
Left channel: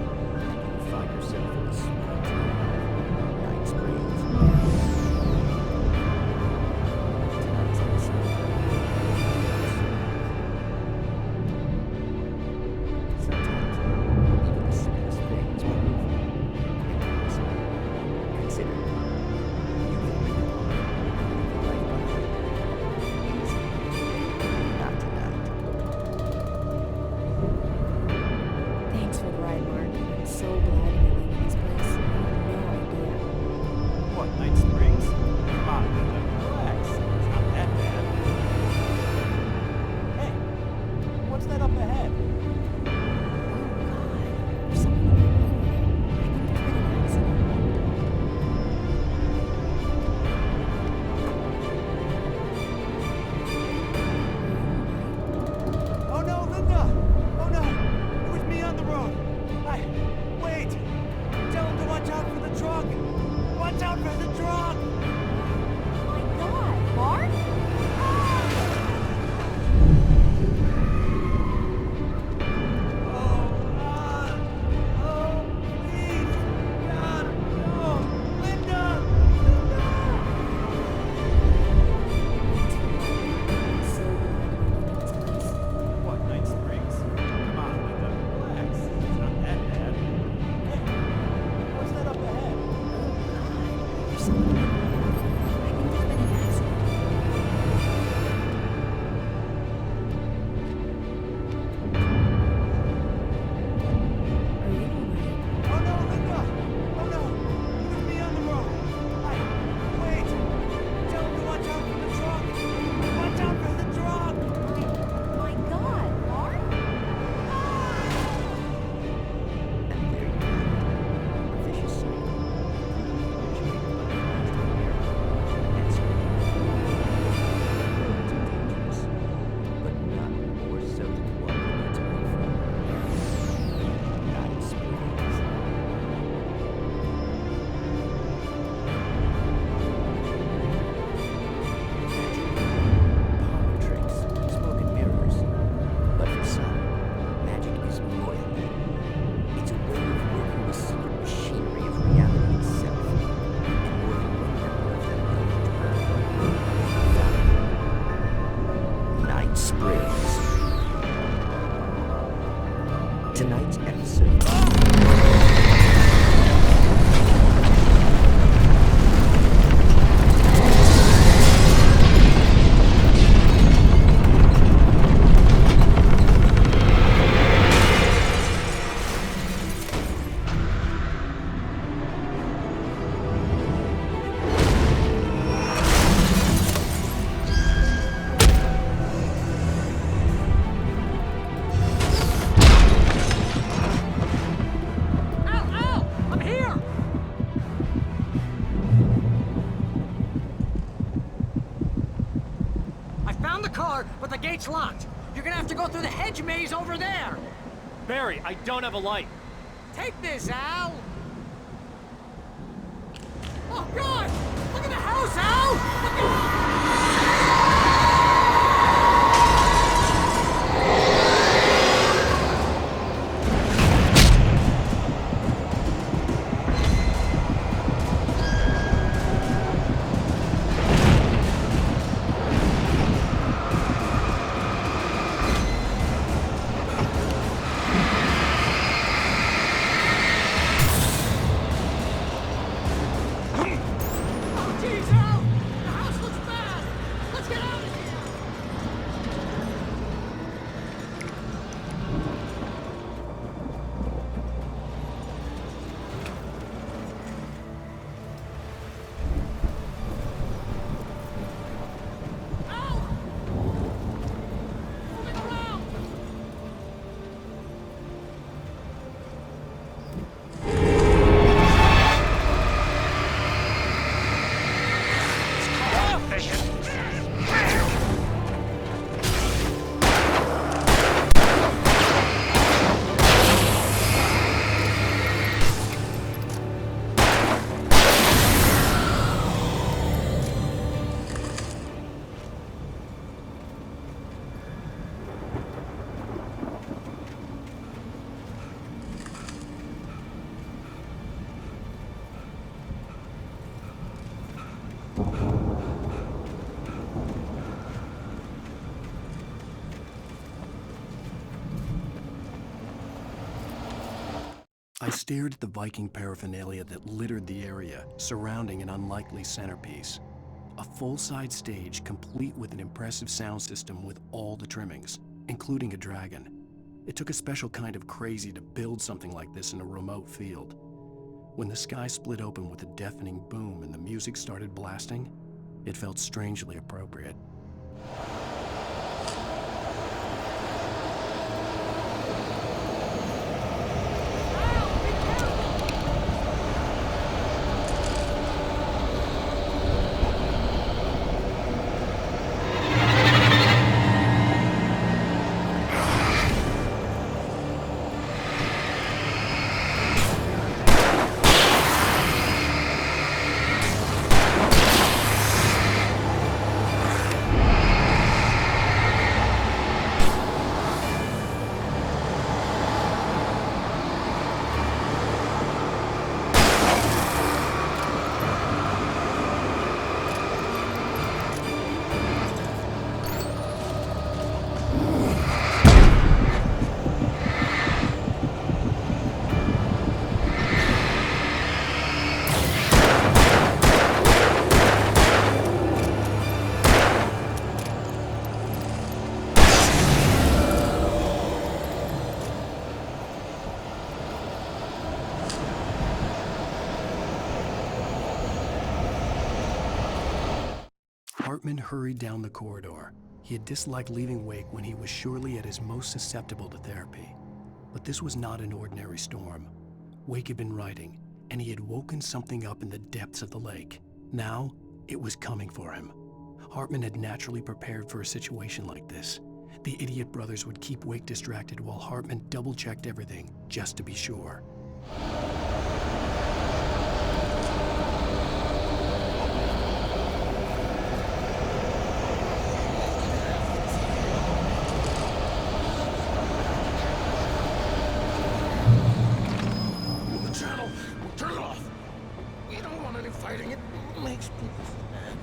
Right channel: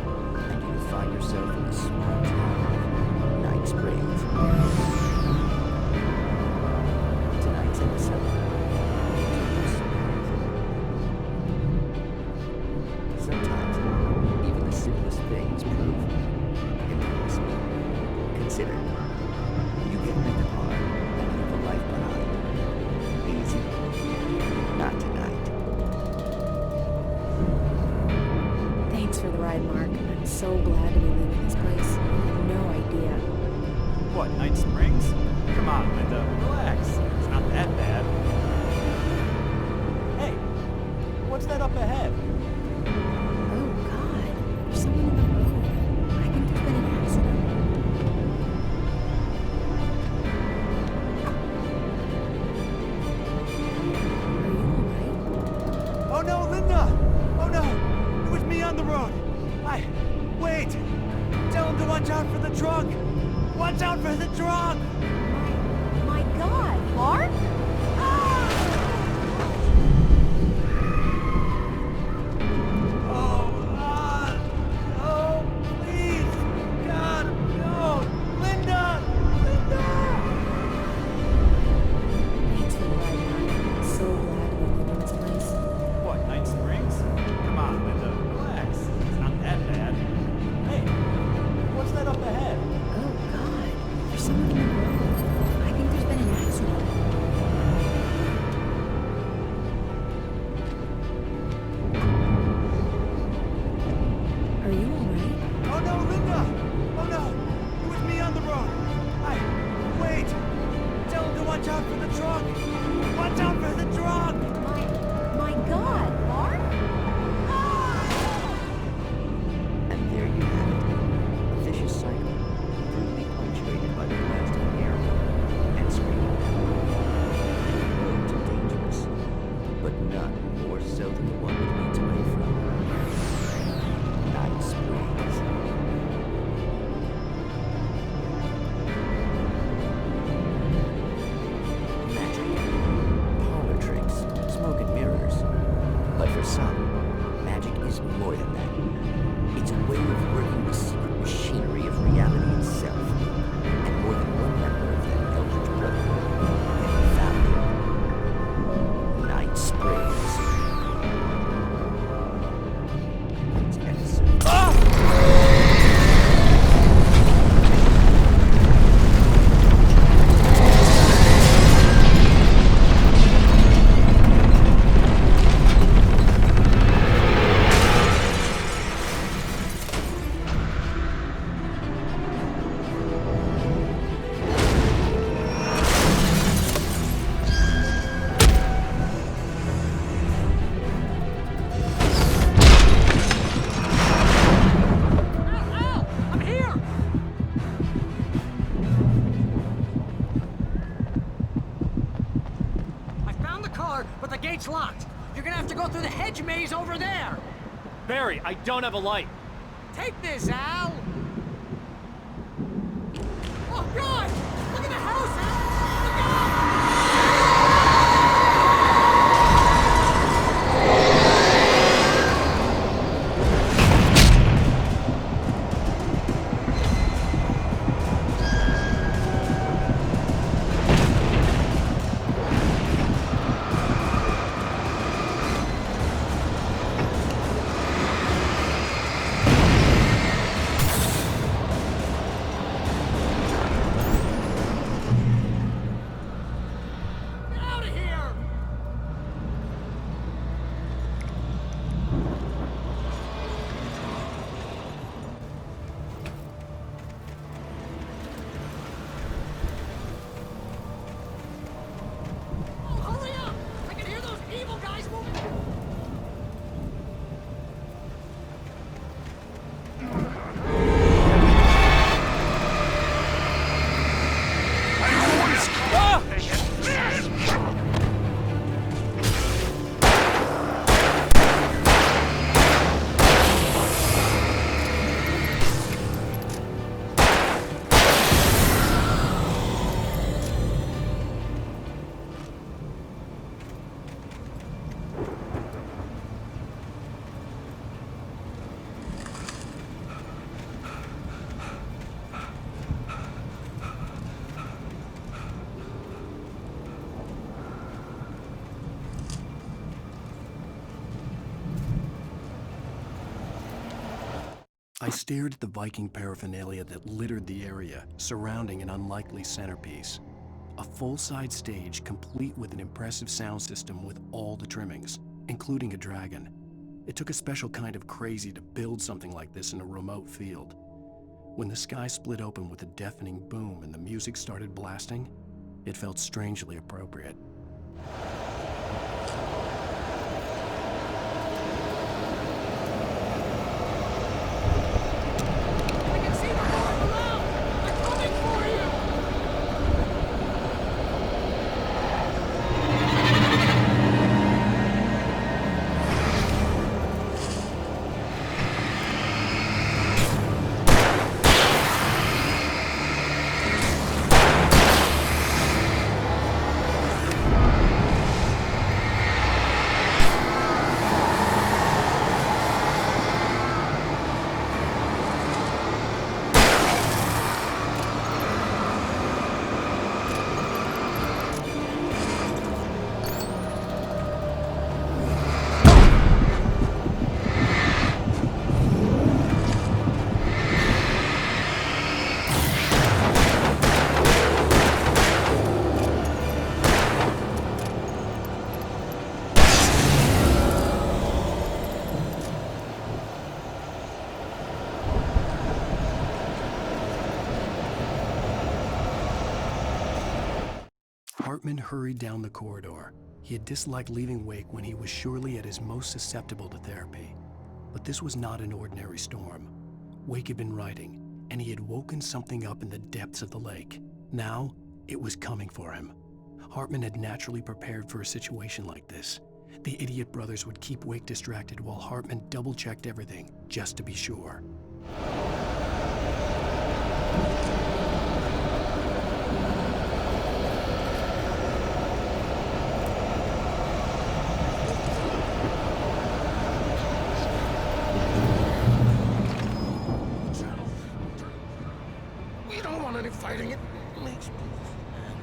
and you will find yourself in the small town of Night Springs. Tonight's episode, sometimes, even the simplest things prove impossible. Consider, you get in a car and leave a life behind. Easy. Not tonight. Thanks for the ride, Mark. I'm so glad to be leaving this place. You have no idea. What, Night Springs? Come on, Linda, relax. It's not that bad. Hey, what's that up ahead? Oh, God. There's someone in the road. I think there's been an accident. Are you alright? Oh no, Linda! Oh no! It was me on the road! Wait! Tell him to watch out for the truck! Watch out for the truck! My God, Mark? Oh, please! God, no! Linda! Linda! Thanks for the ride, Mark. I'm so glad to be leaving this place. What, Night Springs? Come on, Linda, relax. It's not that bad. Hey, what's that up ahead? Oh, God. There's someone in the road. I think there's been an accident. Are you alright? Oh no, Linda! Oh no! It was me on the road! Wait! Tell him to watch out for the truck! Watch out for the truck! My God, Mark? And there you have it. A vicious cycle, brutally punctuated by the blast of an air horn and screaming metal. Many roads are dangerous, but none more so than the one that leads away from Night Springs. Magic, parlor tricks, smoke and mirrors. But for some, magic is more than that. It's a way of working the secret machinery of reality itself. And more than one member of that eldritch brotherhood can be found in Night Springs. Tonight's episode. But the gate's locked. You're gonna have to go through the hedge maze over there. Barry, I don't have a light. Take this, Al. Oh, God! Look at the house, Al! Look out! I stared at the Viking paraphernalia that littered the area, surrounding an unlikely centerpiece. A full-size stage complete with an impressive sound system with all the trimmings, including a dragon. It took a special kind of crazy to build something like this in a remote field. When the sky split open with a deafening boom and the music started blasting, it felt strangely appropriate. Hartman hurried down the corridor. He had disliked leaving Wake when he was surely at his most susceptible to therapy. But this was not an ordinary storm. Wake had been writing, and he had woken something up in the depths of the lake. Now, it was coming for him. Hartman had naturally prepared for a situation like this. The idiot brothers would keep Wake distracted while Hartman double-checked everything, just to be sure. Fighting it makes people mad.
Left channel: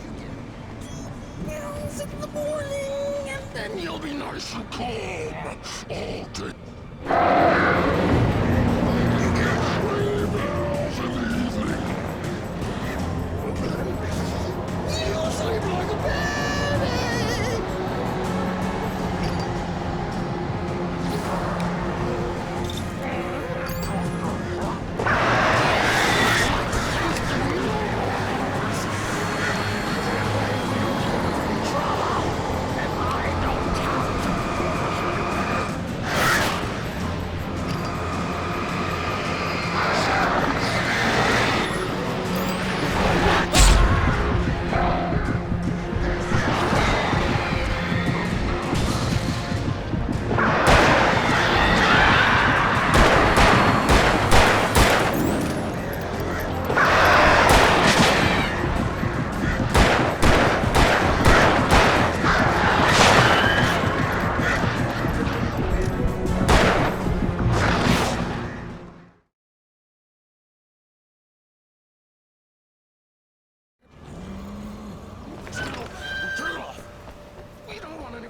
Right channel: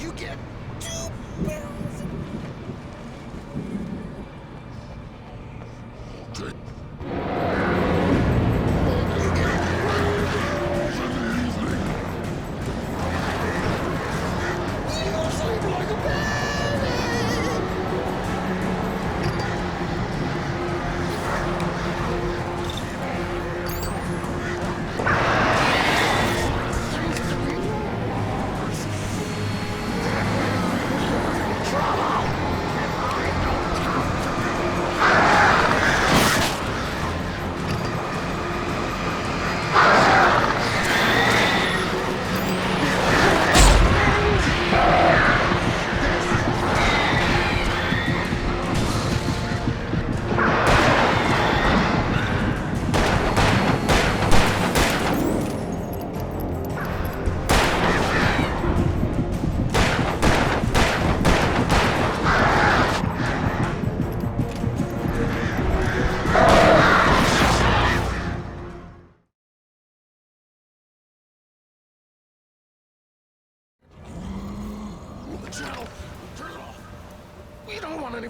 You get 2 pills in the morning, and then you'll be nice and calm all day. You get 3 pills in the evening. You'll sleep like a baby.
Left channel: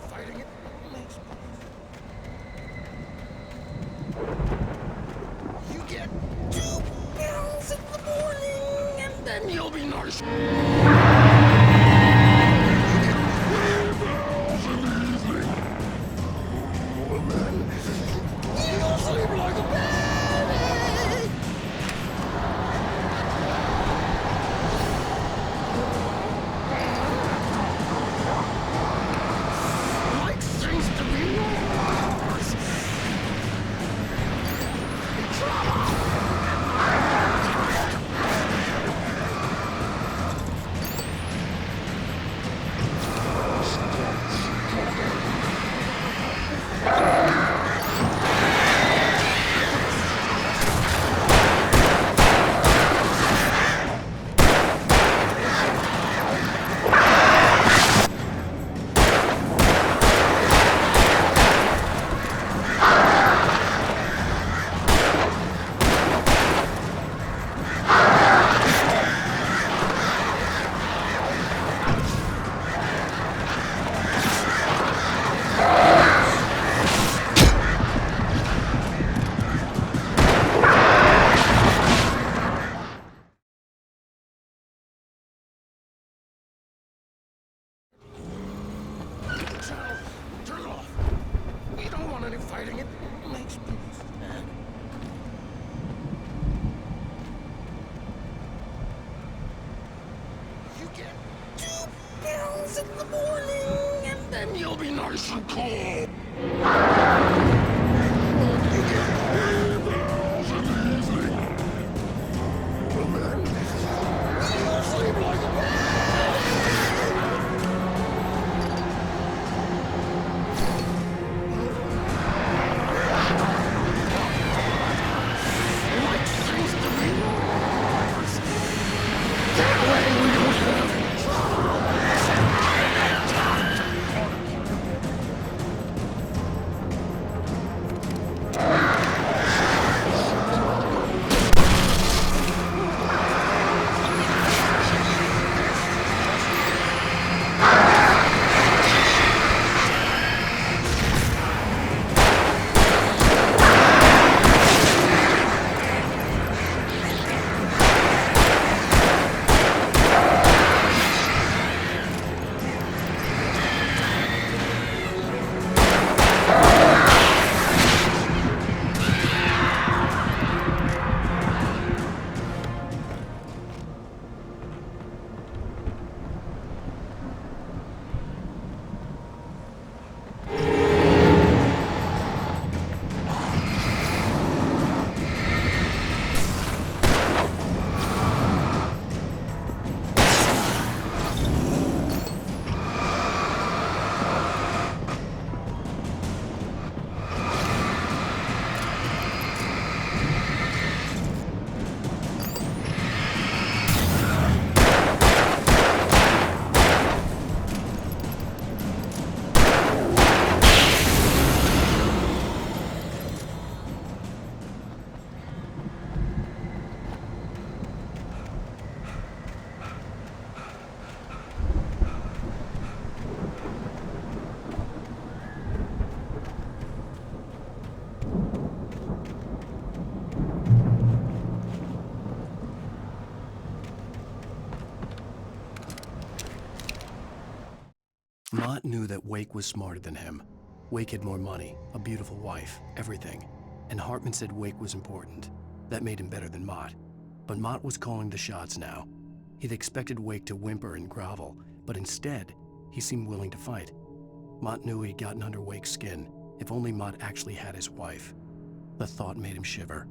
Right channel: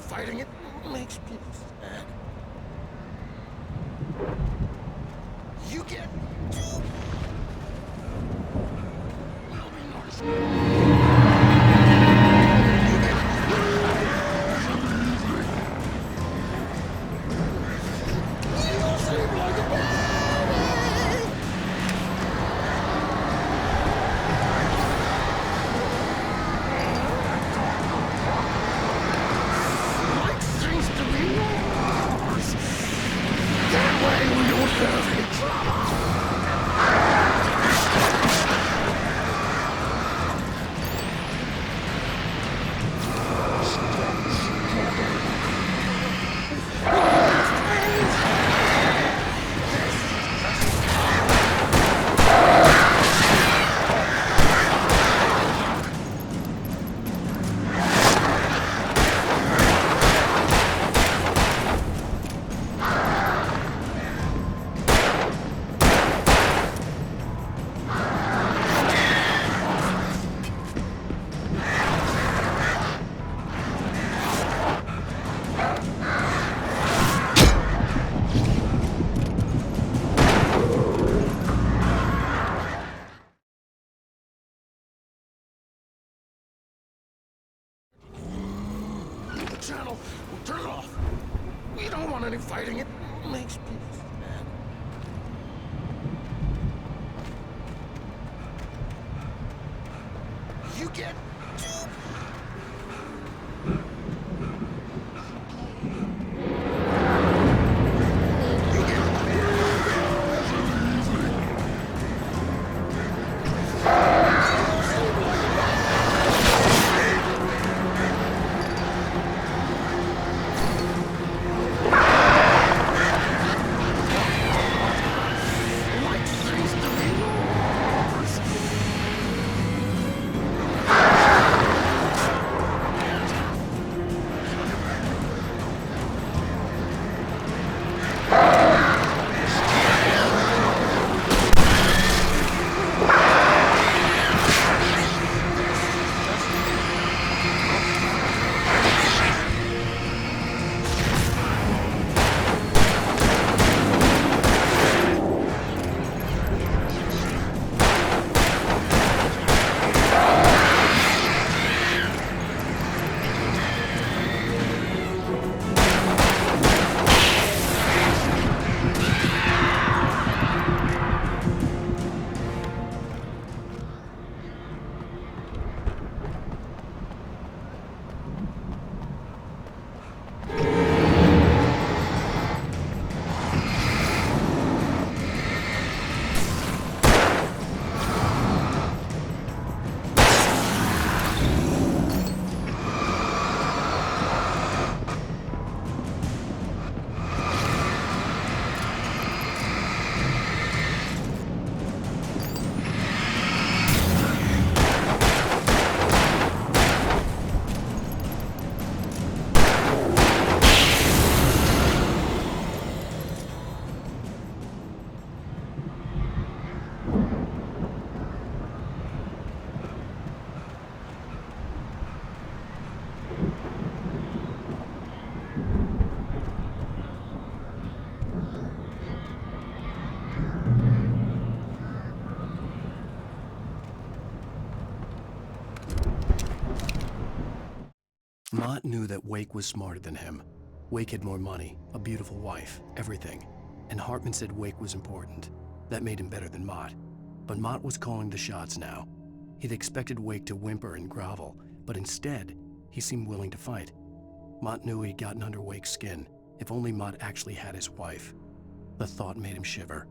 Fighting it makes people mad. You get 2 pills in the morning, and then you'll be nice. You get 3 pills in the evening. And then you'll sleep like a baby. To be yours. That way we don't have any trouble. fighting it makes people sad. You get 2 pills in the morning, and then you'll be nice and cold. You get 3 pills in the evening. You'll sleep like a man. Like seems to be yours. That way we don't Mott knew that Wake was smarter than him. Wake had more money, a beautiful wife, everything. And Hartman said Wake was important. That made him better than Mott. But Mott was calling the shots now. He'd expected Wake to whimper and grovel, but instead, he seemed willing to fight. Mott knew he'd gotten under Wake's skin. If only Mott actually had his wife. The thought made him shiver.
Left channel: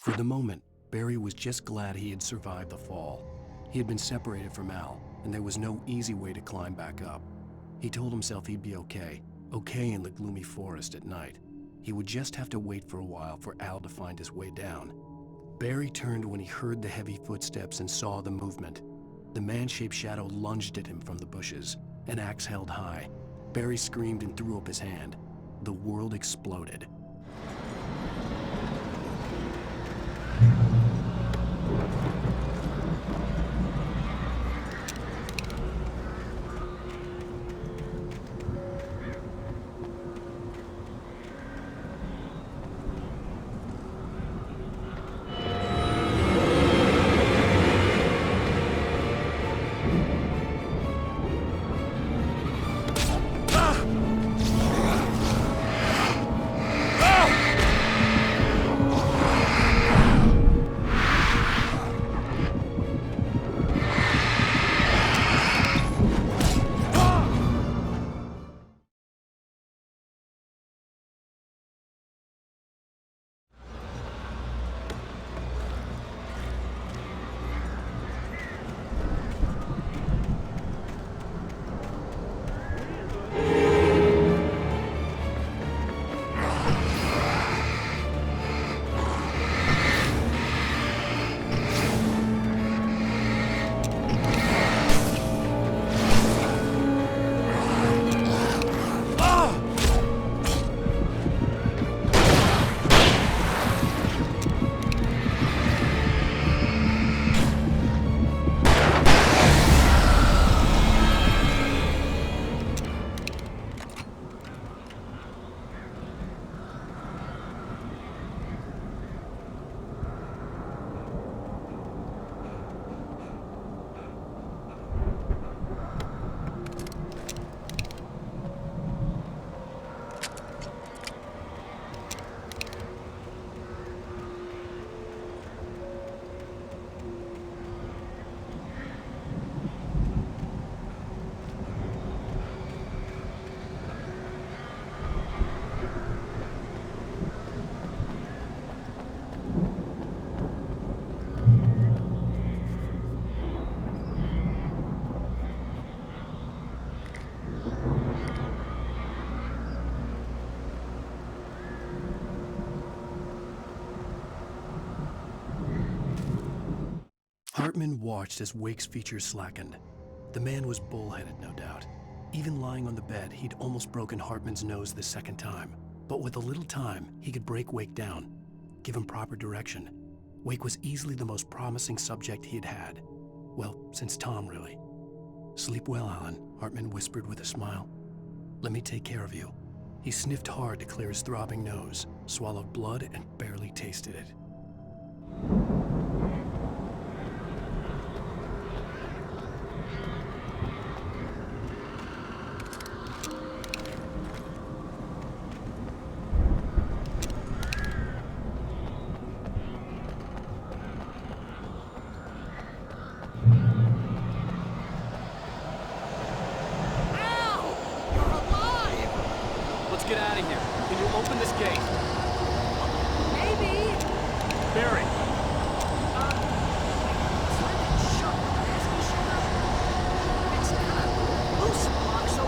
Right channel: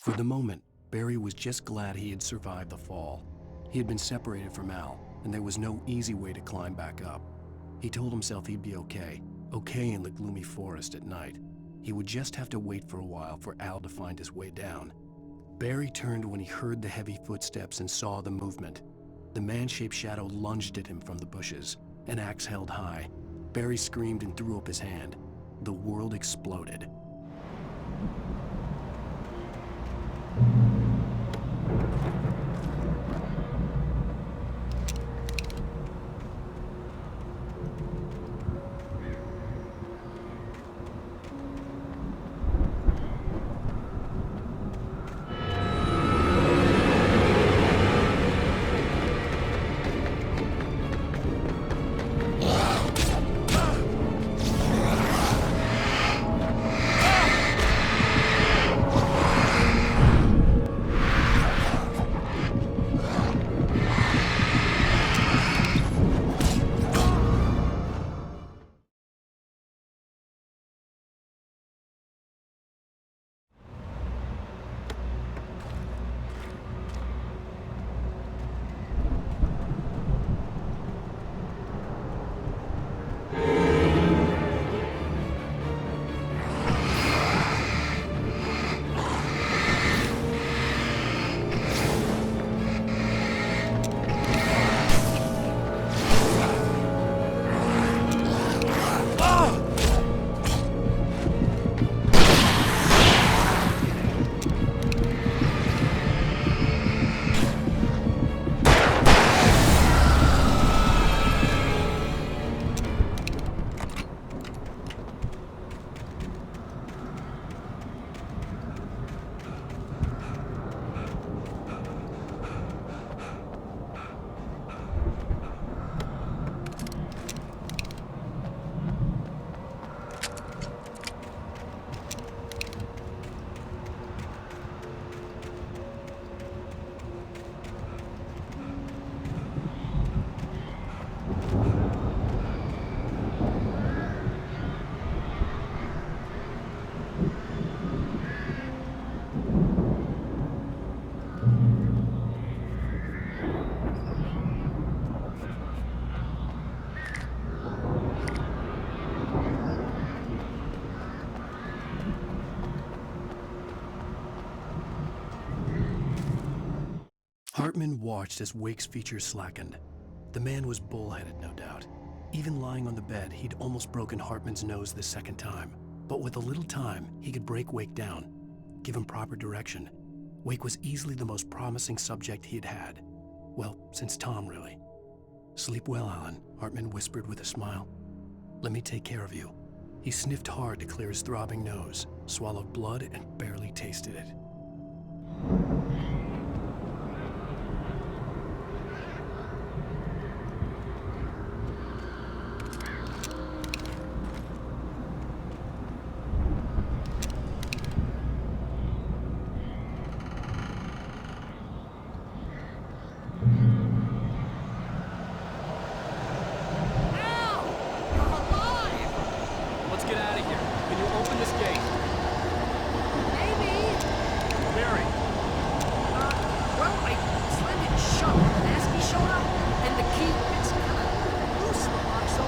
For the moment, Barry was just glad he had survived the fall. He had been separated from Al, and there was no easy way to climb back up. He told himself he'd be okay in the gloomy forest at night. He would just have to wait for a while for Al to find his way down. Barry turned when he heard the heavy footsteps and saw the movement. The man-shaped shadow lunged at him from the bushes, an axe held high. Barry screamed and threw up his hand. The world exploded. Hartman watched as Wake's features slackened. The man was bullheaded, no doubt. Even lying on the bed, he'd almost broken Hartman's nose the second time. But with a little time, he could break Wake down, give him proper direction. Wake was easily the most promising subject he'd had. Well, since Tom, really. "Sleep well, Alan," Hartman whispered with a smile. "Let me take care of you." He sniffed hard to clear his throbbing nose, swallowed blood, and barely tasted it. Get out of here. Can you open this gate? Maybe. Barry! Well, I slammed it shut when the Nasty showed up, and the key fits kind of loose in the lock, so,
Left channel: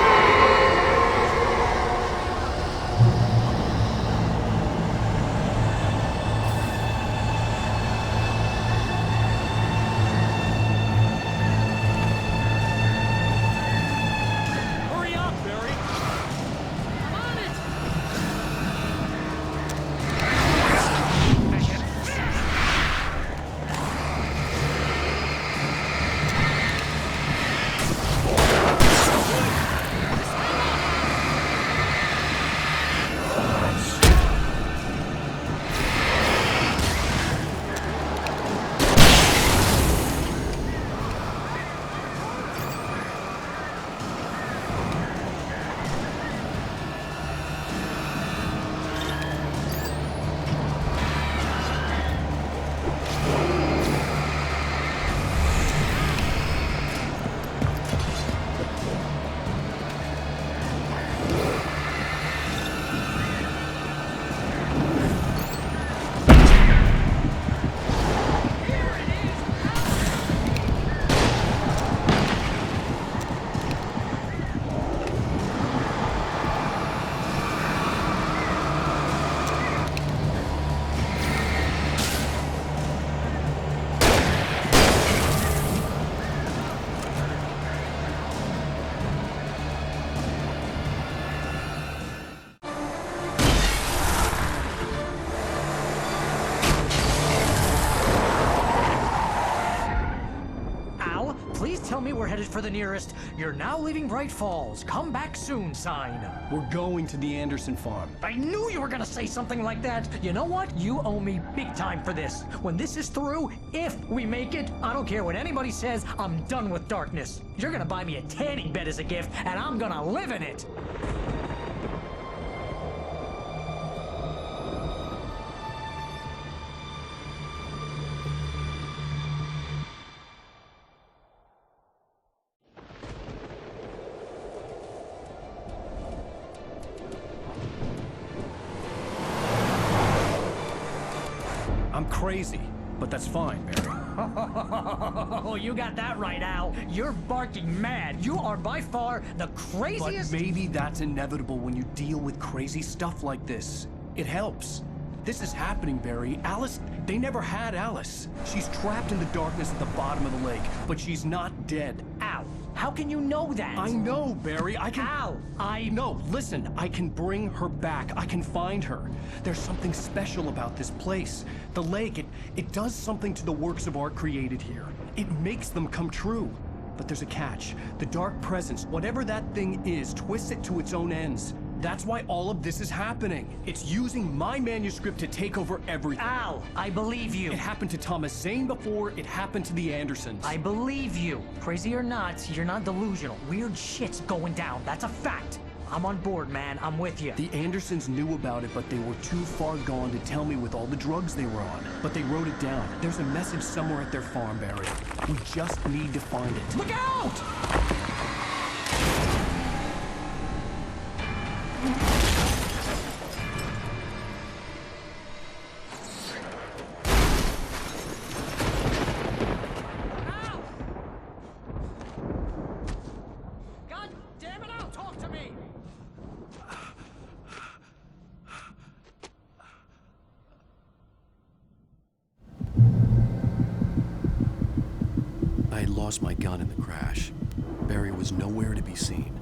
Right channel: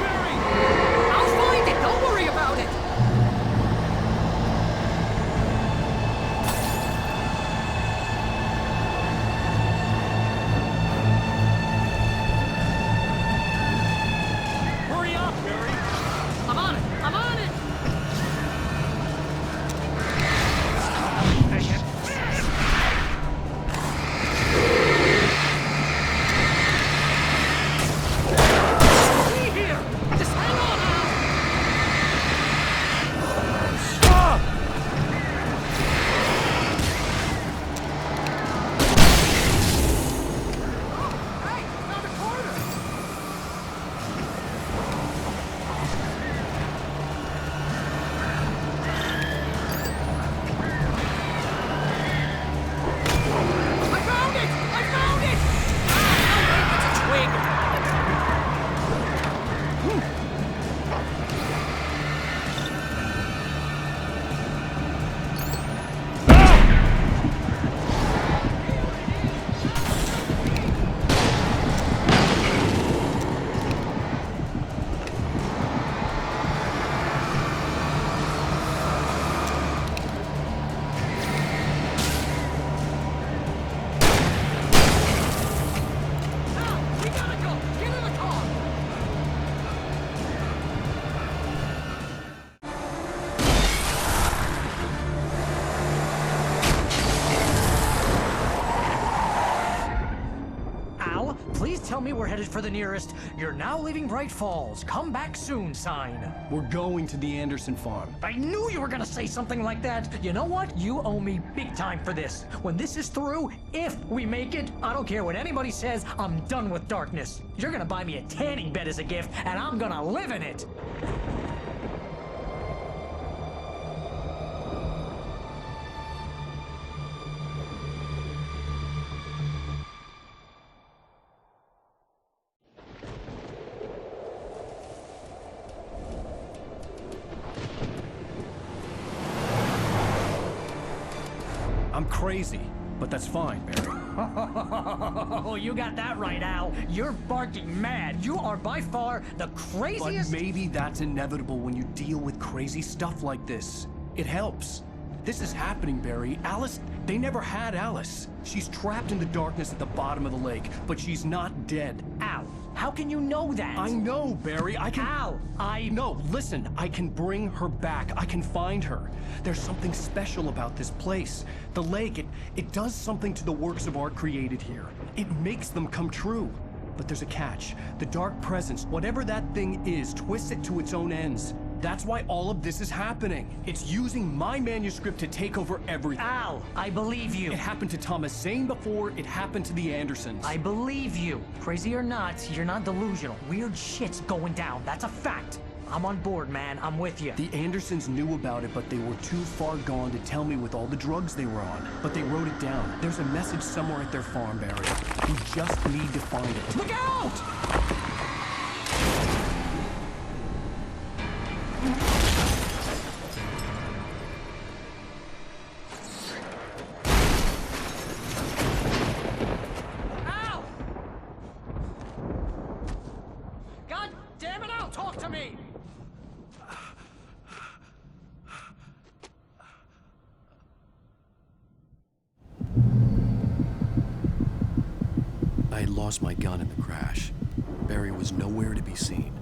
Barry! I'll find it, don't worry about it! Hurry up, Barry! I'm on it! I'm on it! tell me we're headed for the nearest "You're now leaving Bright Falls. Come back soon" sign. We're going to the Anderson farm. I knew you were gonna say something like that. You know what? You owe me big time for this. When this is through, if we make it, I don't care what anybody says, I'm done with darkness. You're gonna buy me a tanning bed as a gift, and I'm gonna live in it. I'm crazy, but that's fine, Barry. Oh, you got that right, Al. You're barking mad. You are by far the craziest. But maybe that's inevitable when you deal with crazy stuff like this. It helps. This is happening, Barry. Alice, they never had Alice. She's trapped in the darkness at the bottom of the lake, but she's not dead. Al, how can you know that? I know, Barry. I can... Al, No, listen. I can bring her back. I can find her. There's something special about this place. The lake, it does something to the works of art created here. It makes them come true. But there's a catch. The dark presence, whatever that thing is, twists it to its own ends. That's why all of this is happening. It's using my manuscript to take over everything. Al, I believe you. It happened to Thomas Zane before, it happened to the Andersons. I believe you. Crazy or not, you're not delusional. Weird shit's going down. That's a fact. I'm on board, man. I'm with you. The Andersons knew about it, but they were too far gone to tell me with all the drugs they were on. But they wrote it down. There's a message somewhere at their farm, Barry. We just need to find it. Look out! Al! God damn it, Al, talk to me! I had lost my gun in the crash. Barry was nowhere to be seen.